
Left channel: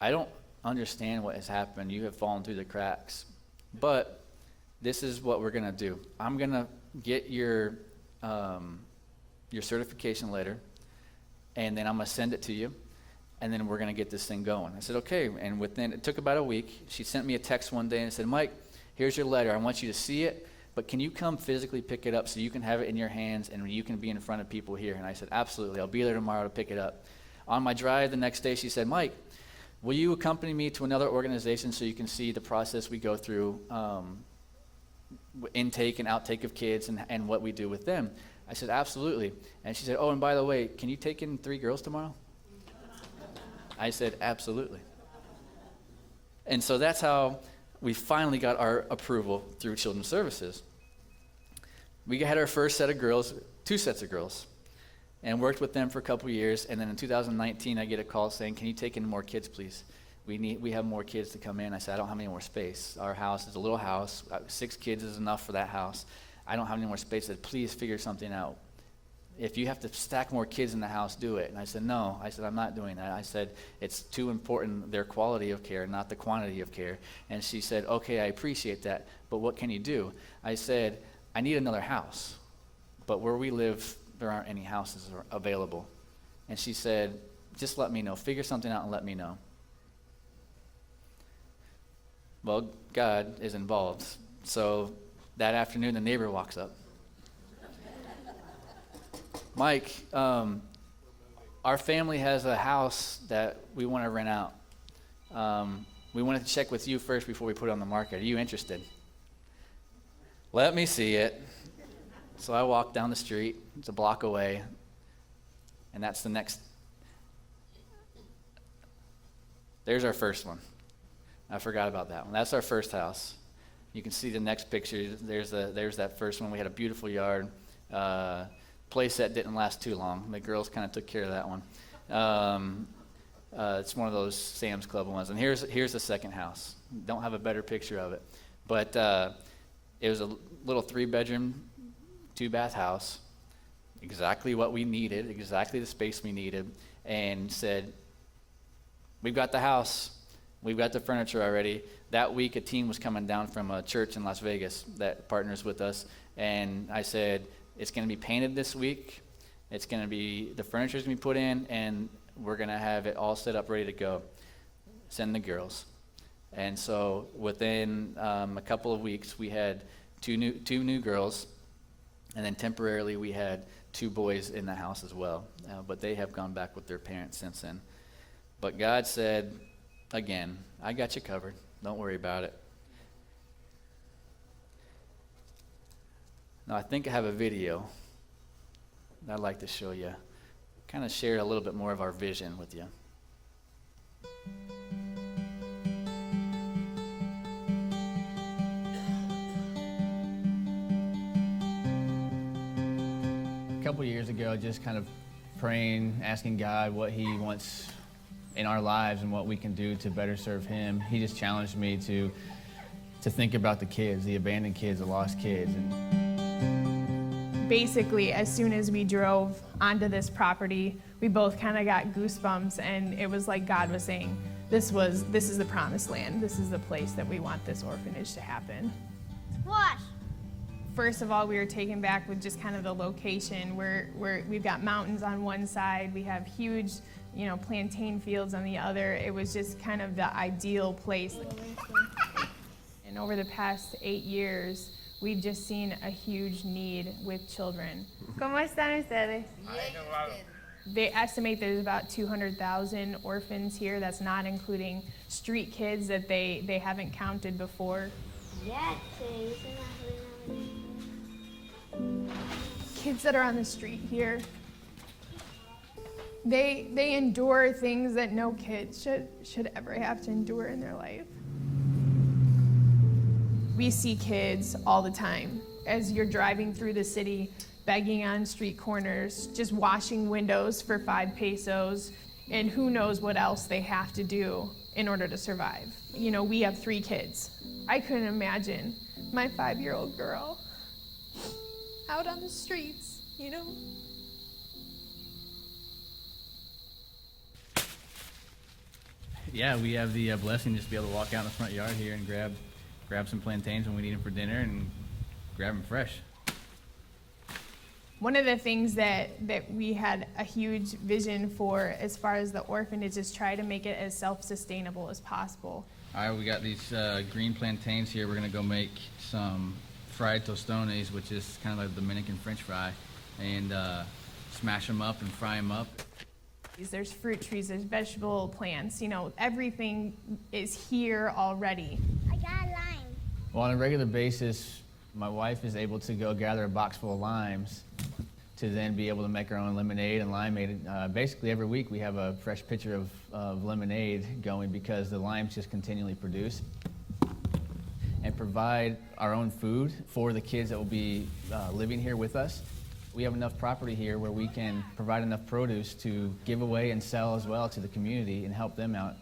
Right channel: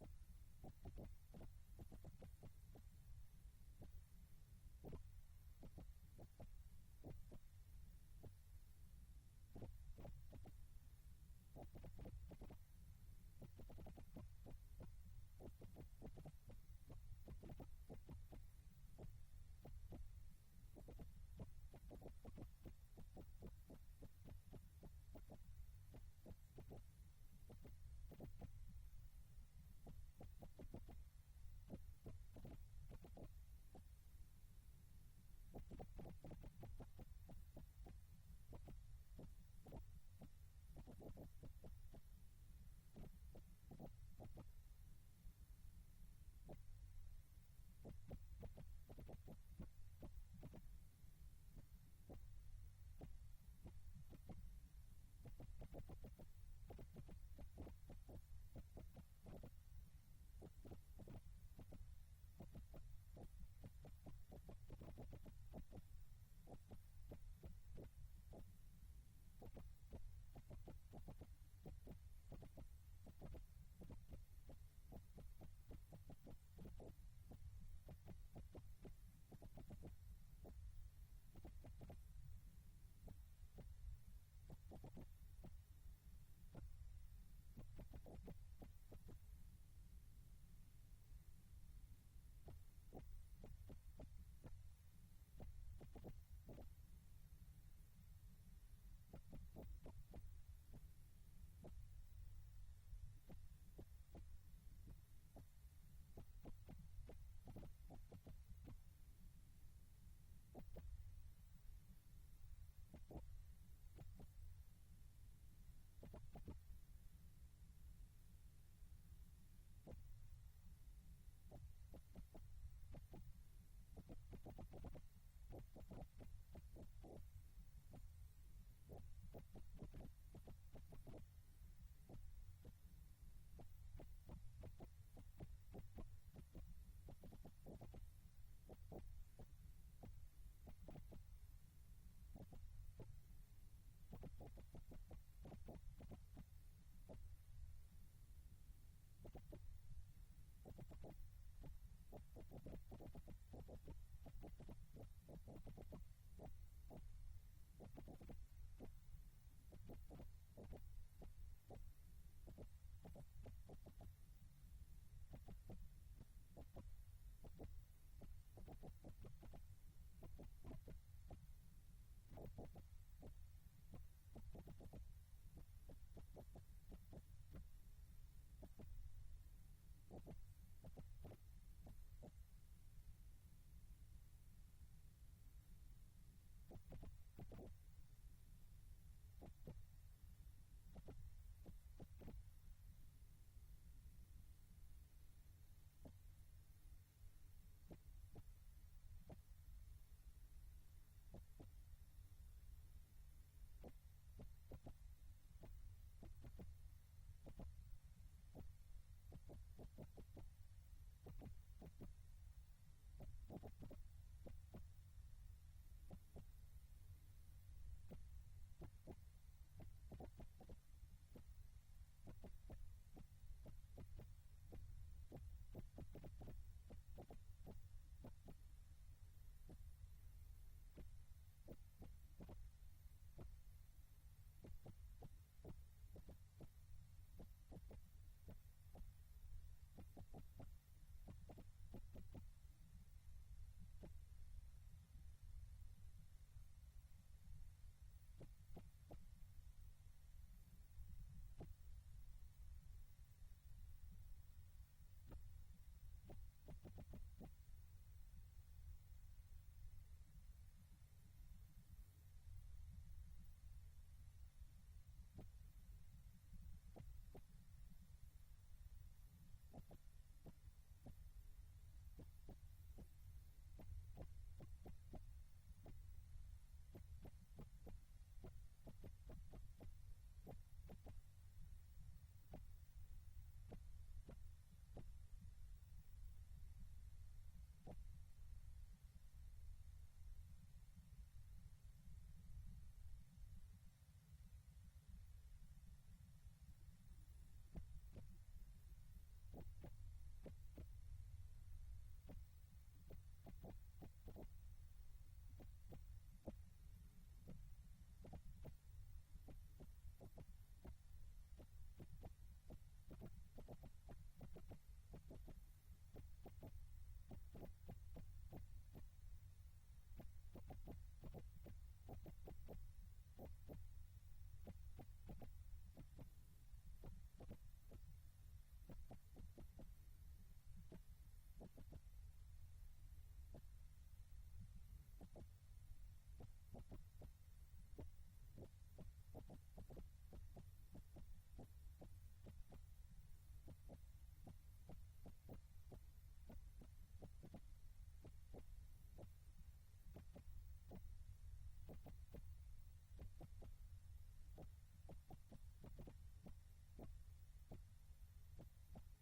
I don't understand what has happened. You have fallen through the cracks. But this is what we're going to do. I'm going to get your certification letter, and then I'm going to send it to you, and then we're going to get this thing going. I said, okay. And it took about a week. She sent me a text one day and said, Mike, here's your letter. I want you to see it, but can you come physically pick it up so you can have it in your hands and you can be in front of people here? And I said, absolutely. I'll be there tomorrow to pick it up. On my drive the next day, she said, Mike, will you accompany me to another organization so you can see the process we go through, intake and outtake of kids and what we do with them? I said, absolutely. And she said, oh, and by the way, can you take in 3 girls tomorrow? I said, absolutely. And so that's how we finally got our approval through Children's Services. We had our first set of girls, 2 sets of girls, and worked with them for a couple years. And then in 2019, I get a call saying, can you take in more kids, please? We have more kids to come in. I said, I don't have any more space. Our house is a little house. 6 kids is enough for that house. I don't have any more space. I said, please figure something out. If you have to stack more kids in the house, do it. And I said, no. I said, I'm not doing that. I said, it's too important, their quality of care, not the quantity of care. And she said, okay, I appreciate that, but what can you do? I said, I need another house, but where we live, there aren't any houses available. And she said, just let me know. Figure something out and let me know. Well, God is involved. So That afternoon, the neighbor walks up. Mike, our family has a house that we want to rent out. We wanted to check with you first before we put it on the market. Are you interested? Let me see it. So I walk down the street. It's a block away. And that's the next. There's our first one. I forgot about that one. That's our first house. You can see the next picture. There's that first one. We had a beautiful yard. Play set didn't last too long. The girls kind of took care of that one. It's one of those Sam's Club ones. And here's the second house. Don't have a better picture of it. But it was a little 3-bedroom, 2-bath house. Exactly what we needed, exactly the space we needed. And said, we've got the house. We've got the furniture already. That week, a team was coming down from a church in Las Vegas that partners with us. And I said, it's going to be painted this week. The furniture's going to be put in, and we're going to have it all set up, ready to go. Send the girls. And so within a couple of weeks, we had two new girls, and then temporarily we had 2 boys in the house as well. But they have gone back with their parents since then. But God said, again, I got you covered. Don't worry about it. Now, I think I have a video that I'd like to show you. Kind of share a little bit more of our vision with you. A couple years ago, just kind of praying, asking God what He wants in our lives and what we can do to better serve Him. He just challenged me to think about the kids, the abandoned kids, the lost kids. Basically, as soon as we drove onto this property, we both kind of got goosebumps, and it was like God was saying, this is the promised land. This is the place that we want this orphanage to happen. Wash. First of all, we were taken back with just kind of the location where we've got mountains on one side, we have huge, plantain fields on the other. It was just kind of the ideal place. And over the past 8 years, we've just seen a huge need with children. ¿Cómo están ustedes? They estimate there's about 200,000 orphans here. That's not including street kids that they haven't counted before. Kids that are on the street here, they endure things that no kid should ever have to endure in their life. We see kids all the time as you're driving through the city, begging on street corners, just washing windows for 5 pesos, and who knows what else they have to do in order to survive. We have 3 kids. I couldn't imagine my 5-year-old girl out on the streets, Yeah, we have the blessing just to be able to walk out in the front yard here and grab some plantains when we need them for dinner and grab them fresh. One of the things that we had a huge vision for as far as the orphanage is try to make it as self-sustainable as possible. All right, we got these green plantains here. We're going to go make some fried tostones, which is kind of like a Dominican French fry, and smash them up and fry them up. There's fruit trees, there's vegetable plants, everything is here already. I got a lime. Well, on a regular basis, my wife is able to go gather a box full of limes to then be able to make our own lemonade and limeade. Basically, every week we have a fresh pitcher of lemonade going because the limes just continually produce. And provide our own food for the kids that will be living here with us. We have enough property here where we can provide enough produce to give away and sell as well to the community and help them out.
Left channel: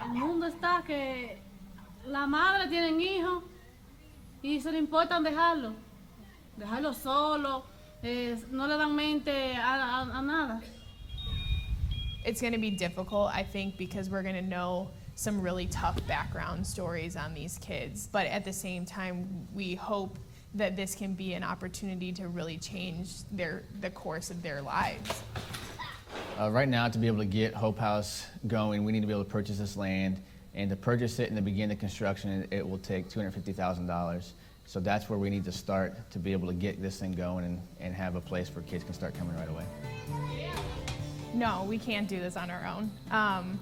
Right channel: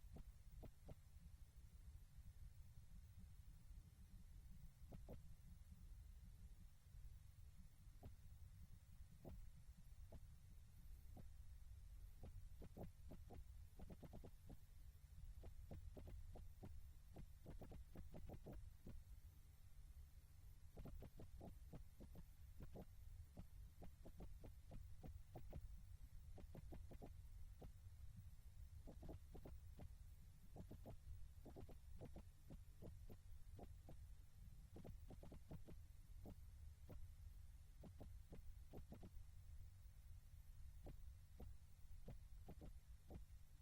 El mundo está que la madre tienen hijos y se le importan dejarlo solo, no le dan mente a nada. It's going to be difficult, I think, because we're going to know some really tough background stories on these kids. But at the same time, we hope that this can be an opportunity to really change the course of their lives. Right now, to be able to get Hope House going, we need to be able to purchase this land. And to purchase it and to begin the construction, it will take $250,000. So that's where we need to start to be able to get this thing going and have a place where kids can start coming right away. No, we can't do this on our own.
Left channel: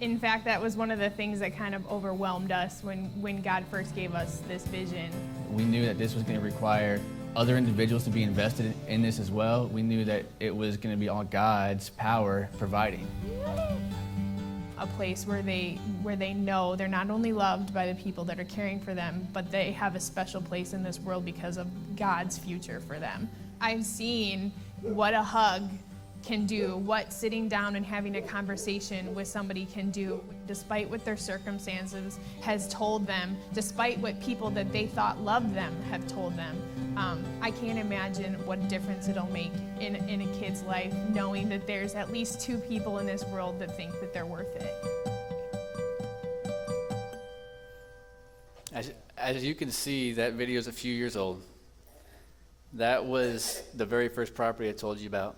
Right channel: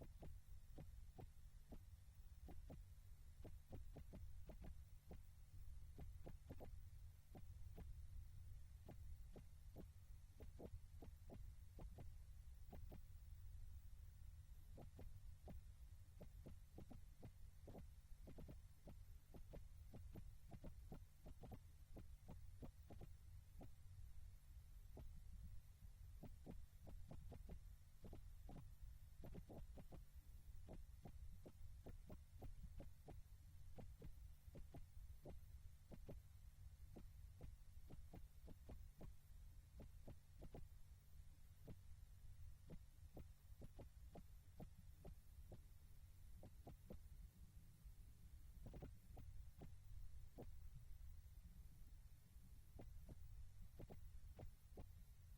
In fact, that was one of the things that kind of overwhelmed us when God first gave us this vision. We knew that this was going to require other individuals to be invested in this as well. We knew that it was going to be all God's power providing. A place where they know they're not only loved by the people that are caring for them, but they have a special place in this world because of God's future for them. I've seen what a hug can do, what sitting down and having a conversation with somebody can do, despite what their circumstances has told them, despite what people that they thought loved them have told them. I can't imagine what difference it'll make in a kid's life, knowing that there's at least 2 people in this world that think that they're worth it. As you can see, that video is a few years old. That was the very first property I told you about,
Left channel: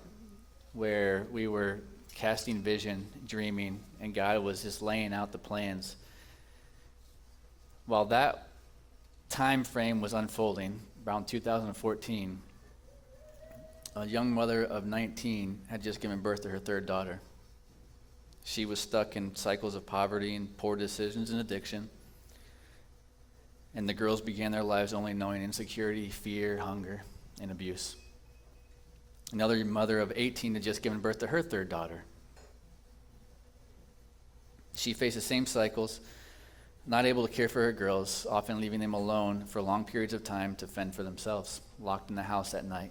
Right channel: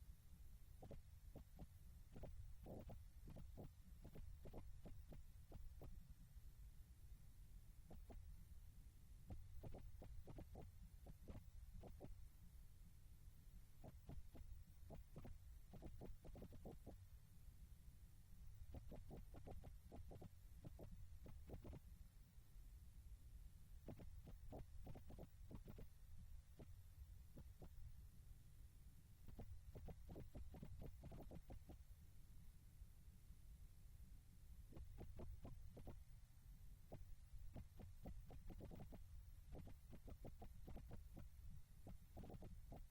where we were casting vision, dreaming, and God was just laying out the plans. While that time frame was unfolding, around 2014, a young mother of 19 had just given birth to her 3rd daughter. She was stuck in cycles of poverty and poor decisions and addiction. And the girls began their lives only knowing insecurity, fear, hunger, and abuse. Another mother of 18 had just given birth to her 3rd daughter. She faced the same cycles, not able to care for her girls, often leaving them alone for long periods of time to fend for themselves, locked in the house at night.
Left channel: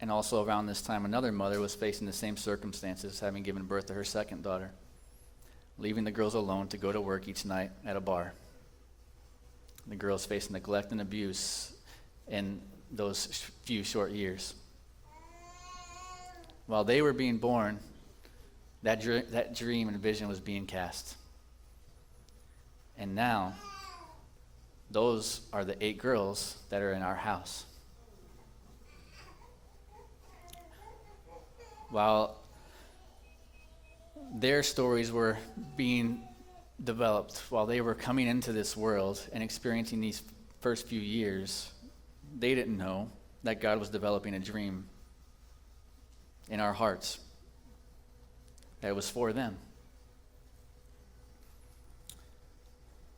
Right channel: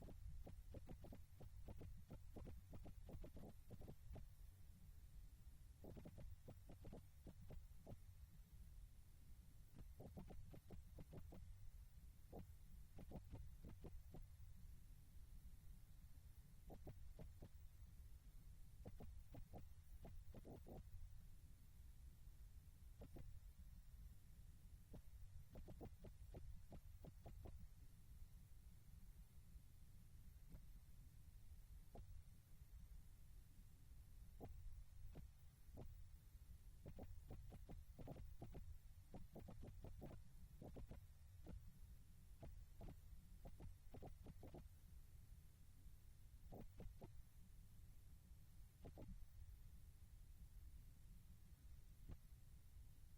And also around this time, another mother was facing the same circumstances, having given birth to her 2nd daughter, leaving the girls alone to go to work each night at a bar. The girls faced neglect and abuse in those few short years. While they were being born, that dream and vision was being cast. And now, those are the 8 girls that are in our house. While their stories were being developed, while they were coming into this world and experiencing these first few years, they didn't know that God was developing a dream in our hearts that was for them.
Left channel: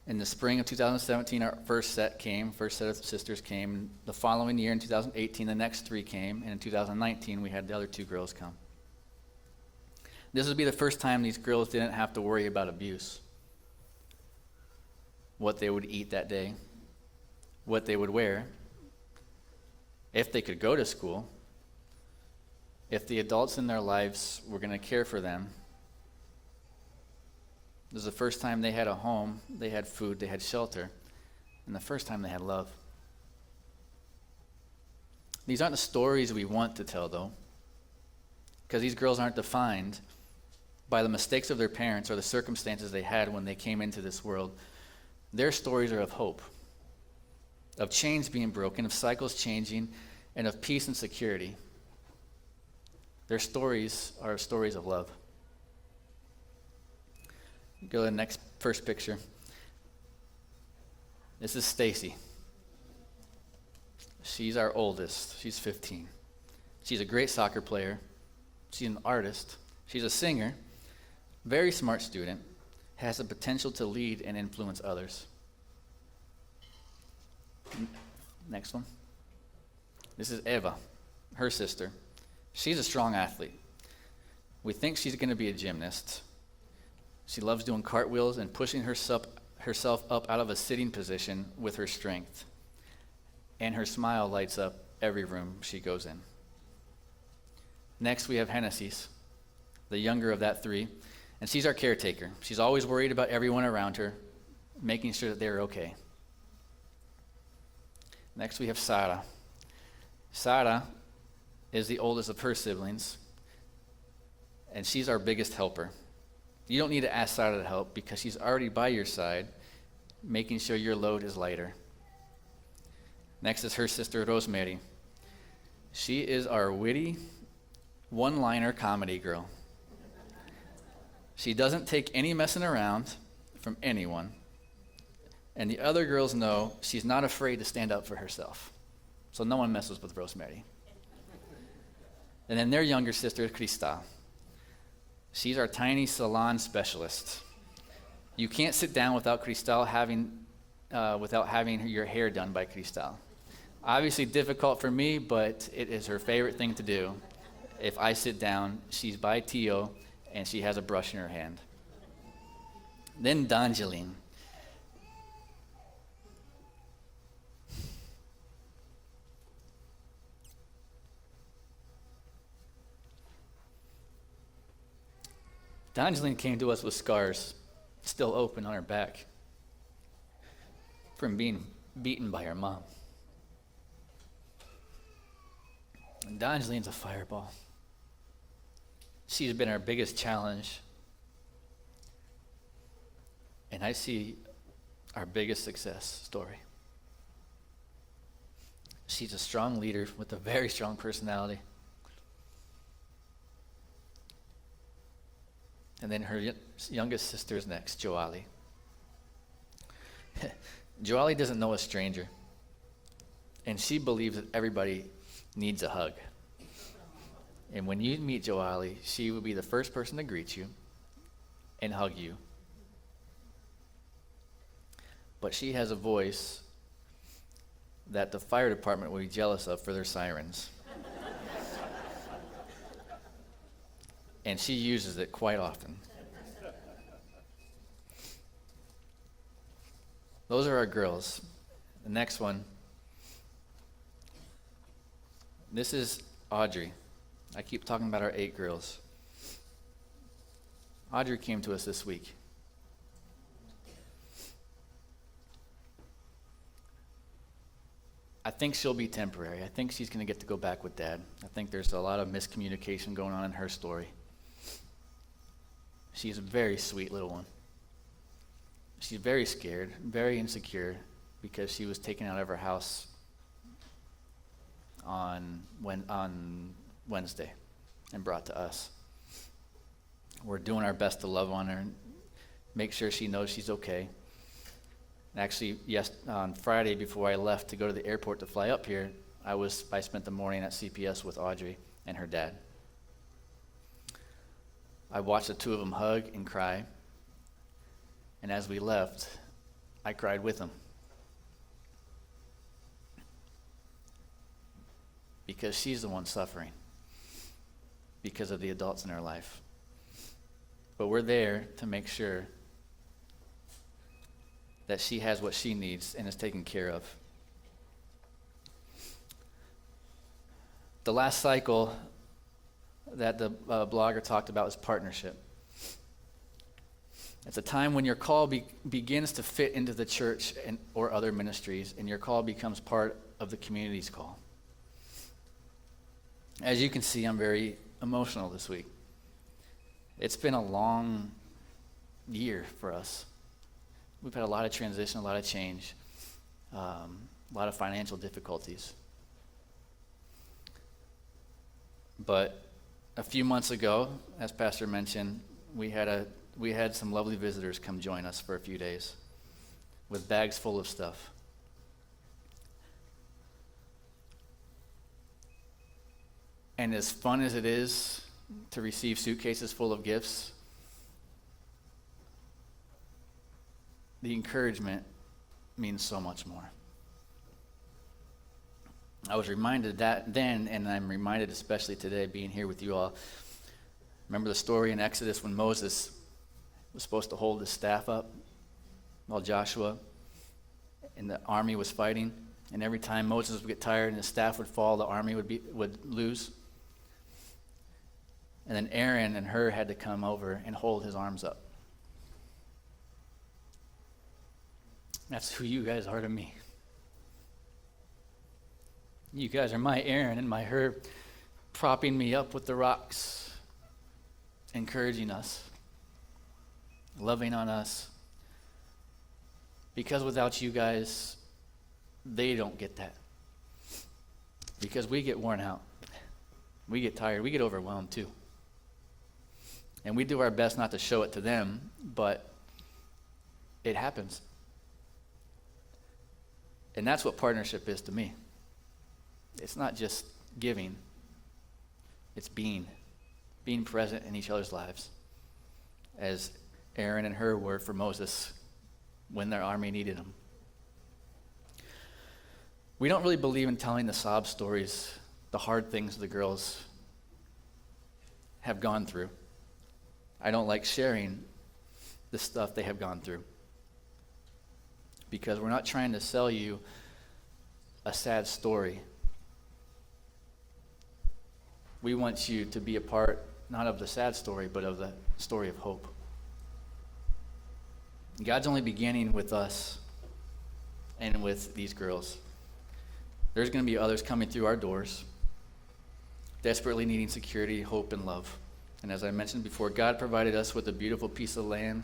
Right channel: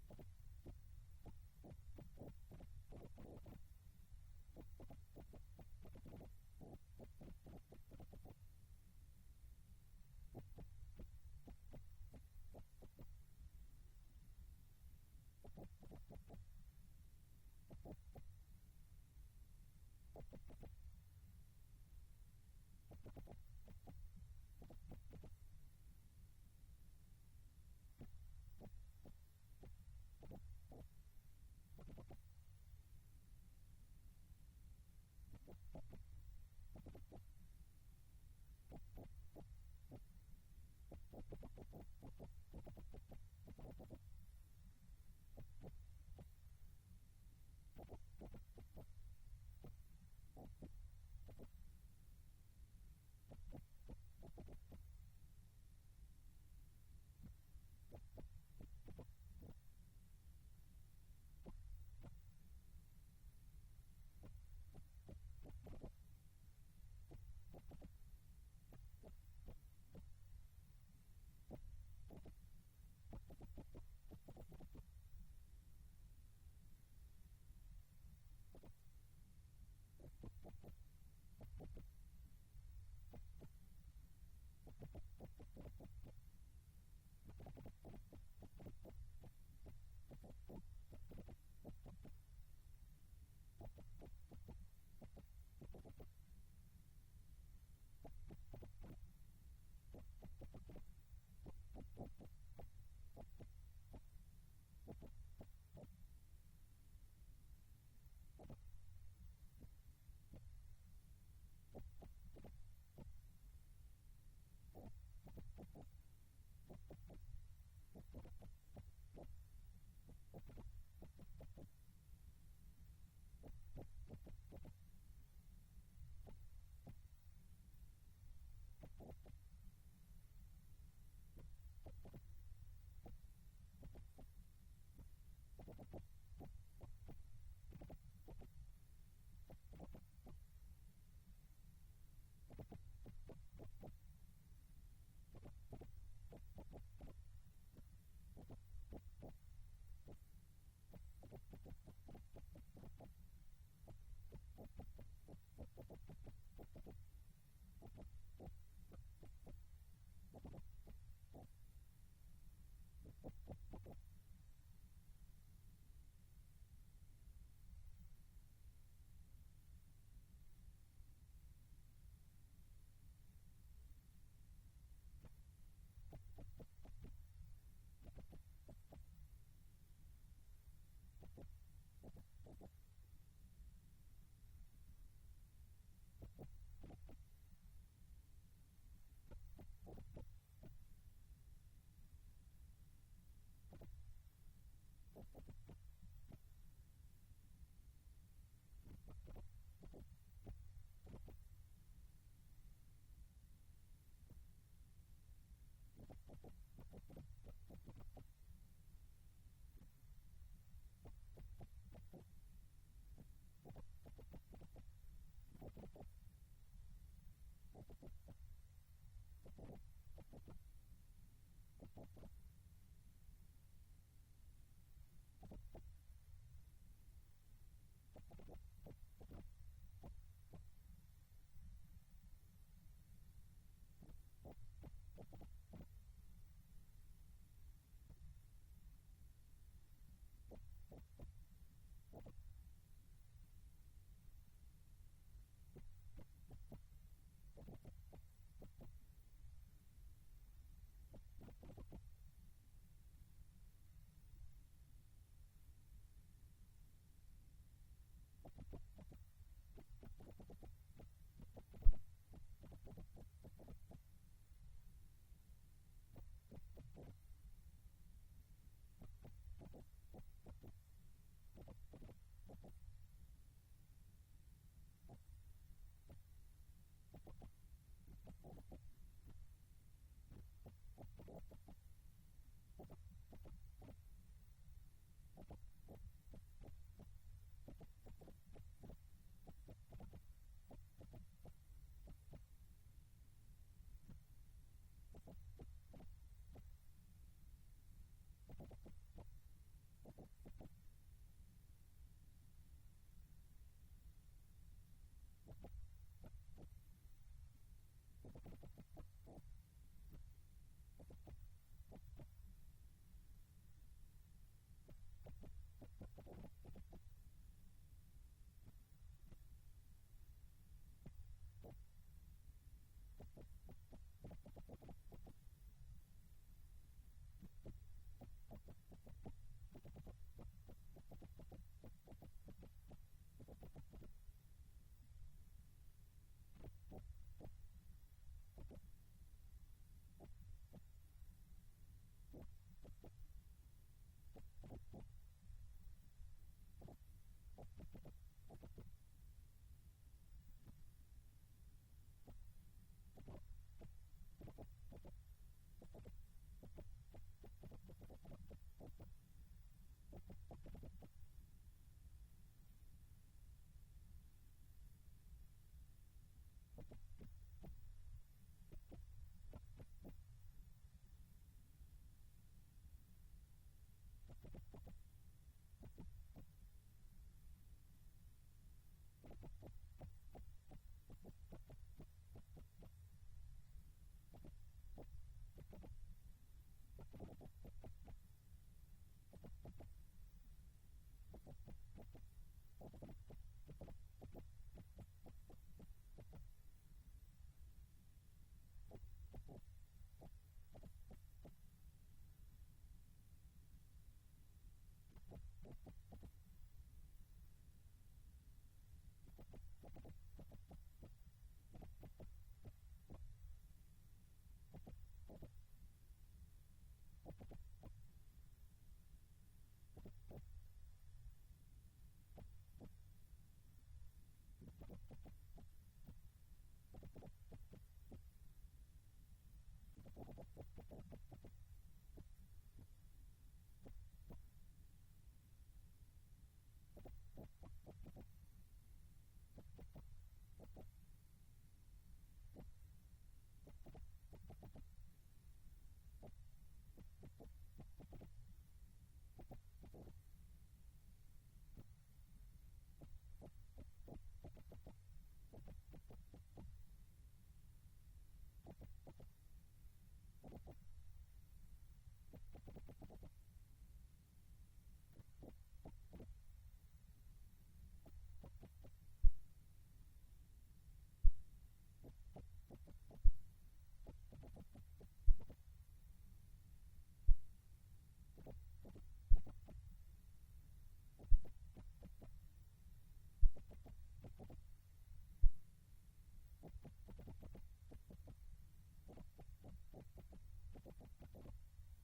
In the spring of 2017, our first set of sisters came. The following year, in 2018, the next 3 came, and in 2019, we had the other 2 girls come. This would be the first time these girls didn't have to worry about abuse, what they would eat that day, what they would wear, if they could go to school, if the adults in their lives were going to care for them. This was the first time they had a home, they had food, they had shelter, and the first time they had love. These aren't the stories we want to tell, though, because these girls aren't defined by the mistakes of their parents or the circumstances they had when they came into this world. Their stories are of hope, of chains being broken, of cycles changing, and of peace and security. Their stories are stories of love. Go to the next first picture. This is Stacy. She's our oldest. She's 15. She's a great soccer player. She's an artist. She's a singer. Very smart student. Has the potential to lead and influence others. Next one. This is Eva, her sister. She's a strong athlete. We think she's going to be a gymnast. She loves doing cartwheels and pushing herself up out of a sitting position with her strength. And her smile lights up every room she goes in. Next, we have Hennessy's, the younger of that 3, and she's our caretaker. She's always worried about everyone around her, making sure that they're okay. Next, we have Sarah. Sarah is the oldest of her siblings, and she's our biggest helper. You don't need to ask Sarah to help because she's already by your side, making sure your load is lighter. Next is her sister, Rosemary. She is our witty, one-liner comedy girl. She doesn't take any messing around from anyone. And the other girls know she's not afraid to stand up for herself. So no one messes with Rosemary. And then their younger sister, Krista. She's our tiny salon specialist. You can't sit down without Cristal without having your hair done by Cristal. Obviously difficult for me, but it is her favorite thing to do. If I sit down, she's by Tio, and she has a brush in her hand. Then Dangeline. Dangeline came to us with scars still open on her back from being beaten by her mom. And Dangeline's a fireball. She's been our biggest challenge. And I see our biggest success story. She's a strong leader with a very strong personality. And then her youngest sister is next, Joali. Joali doesn't know a stranger. And she believes that everybody needs a hug. And when you meet Joali, she will be the first person to greet you and hug you. But she has a voice that the fire department will be jealous of for their sirens. And she uses it quite often. Those are our girls. The next one. This is Audrey. I keep talking about our 8 girls. Audrey came to us this week. I think she'll be temporary. I think she's going to get to go back with Dad. I think there's a lot of miscommunication going on in her story. She's a very sweet little one. She's very scared, very insecure, because she was taken out of her house on Wednesday and brought to us. We're doing our best to love on her and make sure she knows she's okay. Actually, on Friday before I left to go to the airport to fly up here, I spent the morning at CPS with Audrey and her dad. I watched the two of them hug and cry, and as we left, I cried with them. Because she's the one suffering because of the adults in her life. But we're there to make sure that she has what she needs and is taken care of. The last cycle that the blogger talked about was partnership. It's a time when your call begins to fit into the church or other ministries, and your call becomes part of the community's call. As you can see, I'm very emotional this week. It's been a long year for us. We've had a lot of transition, a lot of change, a lot of financial difficulties. But a few months ago, as Pastor mentioned, we had some lovely visitors come join us for a few days with bags full of stuff. And as fun as it is to receive suitcases full of gifts, the encouragement means so much more. I was reminded that then, and I'm reminded especially today being here with you all. Remember the story in Exodus when Moses was supposed to hold his staff up while Joshua and the army was fighting, and every time Moses would get tired and his staff would fall, the army would lose. And then Aaron and Hur had to come over and hold his arms up. That's who you guys are to me. You guys are my Aaron and my Hur, propping me up with the rocks, encouraging us, loving on us. Because without you guys, they don't get that. Because we get worn out. We get tired. We get overwhelmed too. And we do our best not to show it to them, but it happens. And that's what partnership is to me. It's not just giving, it's being present in each other's lives, as Aaron and Hur were for Moses when their army needed him. We don't really believe in telling the sob stories, the hard things the girls have gone through. I don't like sharing the stuff they have gone through, because we're not trying to sell you a sad story. We want you to be a part, not of the sad story, but of the story of hope. God's only beginning with us and with these girls. There's going to be others coming through our doors, desperately needing security, hope, and love. And as I mentioned before, God provided us with a beautiful piece of land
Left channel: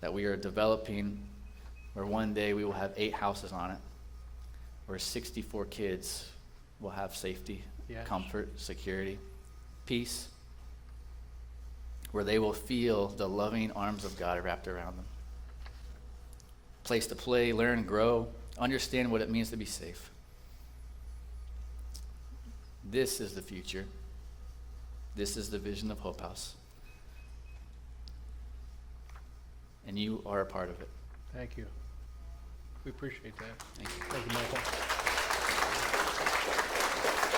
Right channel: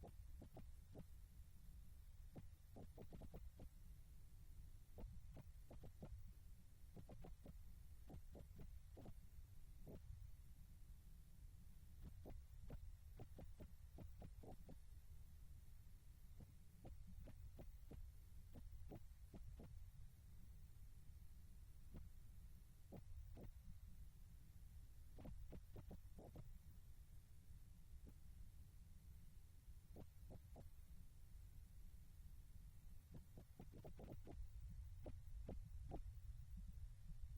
that we are developing, where one day we will have 8 houses on it, where 64 kids will have safety, Yes. comfort, security, peace, where they will feel the loving arms of God wrapped around them. Place to play, learn, grow, understand what it means to be safe. This is the future. This is the vision of Hope House. And you are a part of it. Thank you. We appreciate that. Thank you. Thank you, Michael.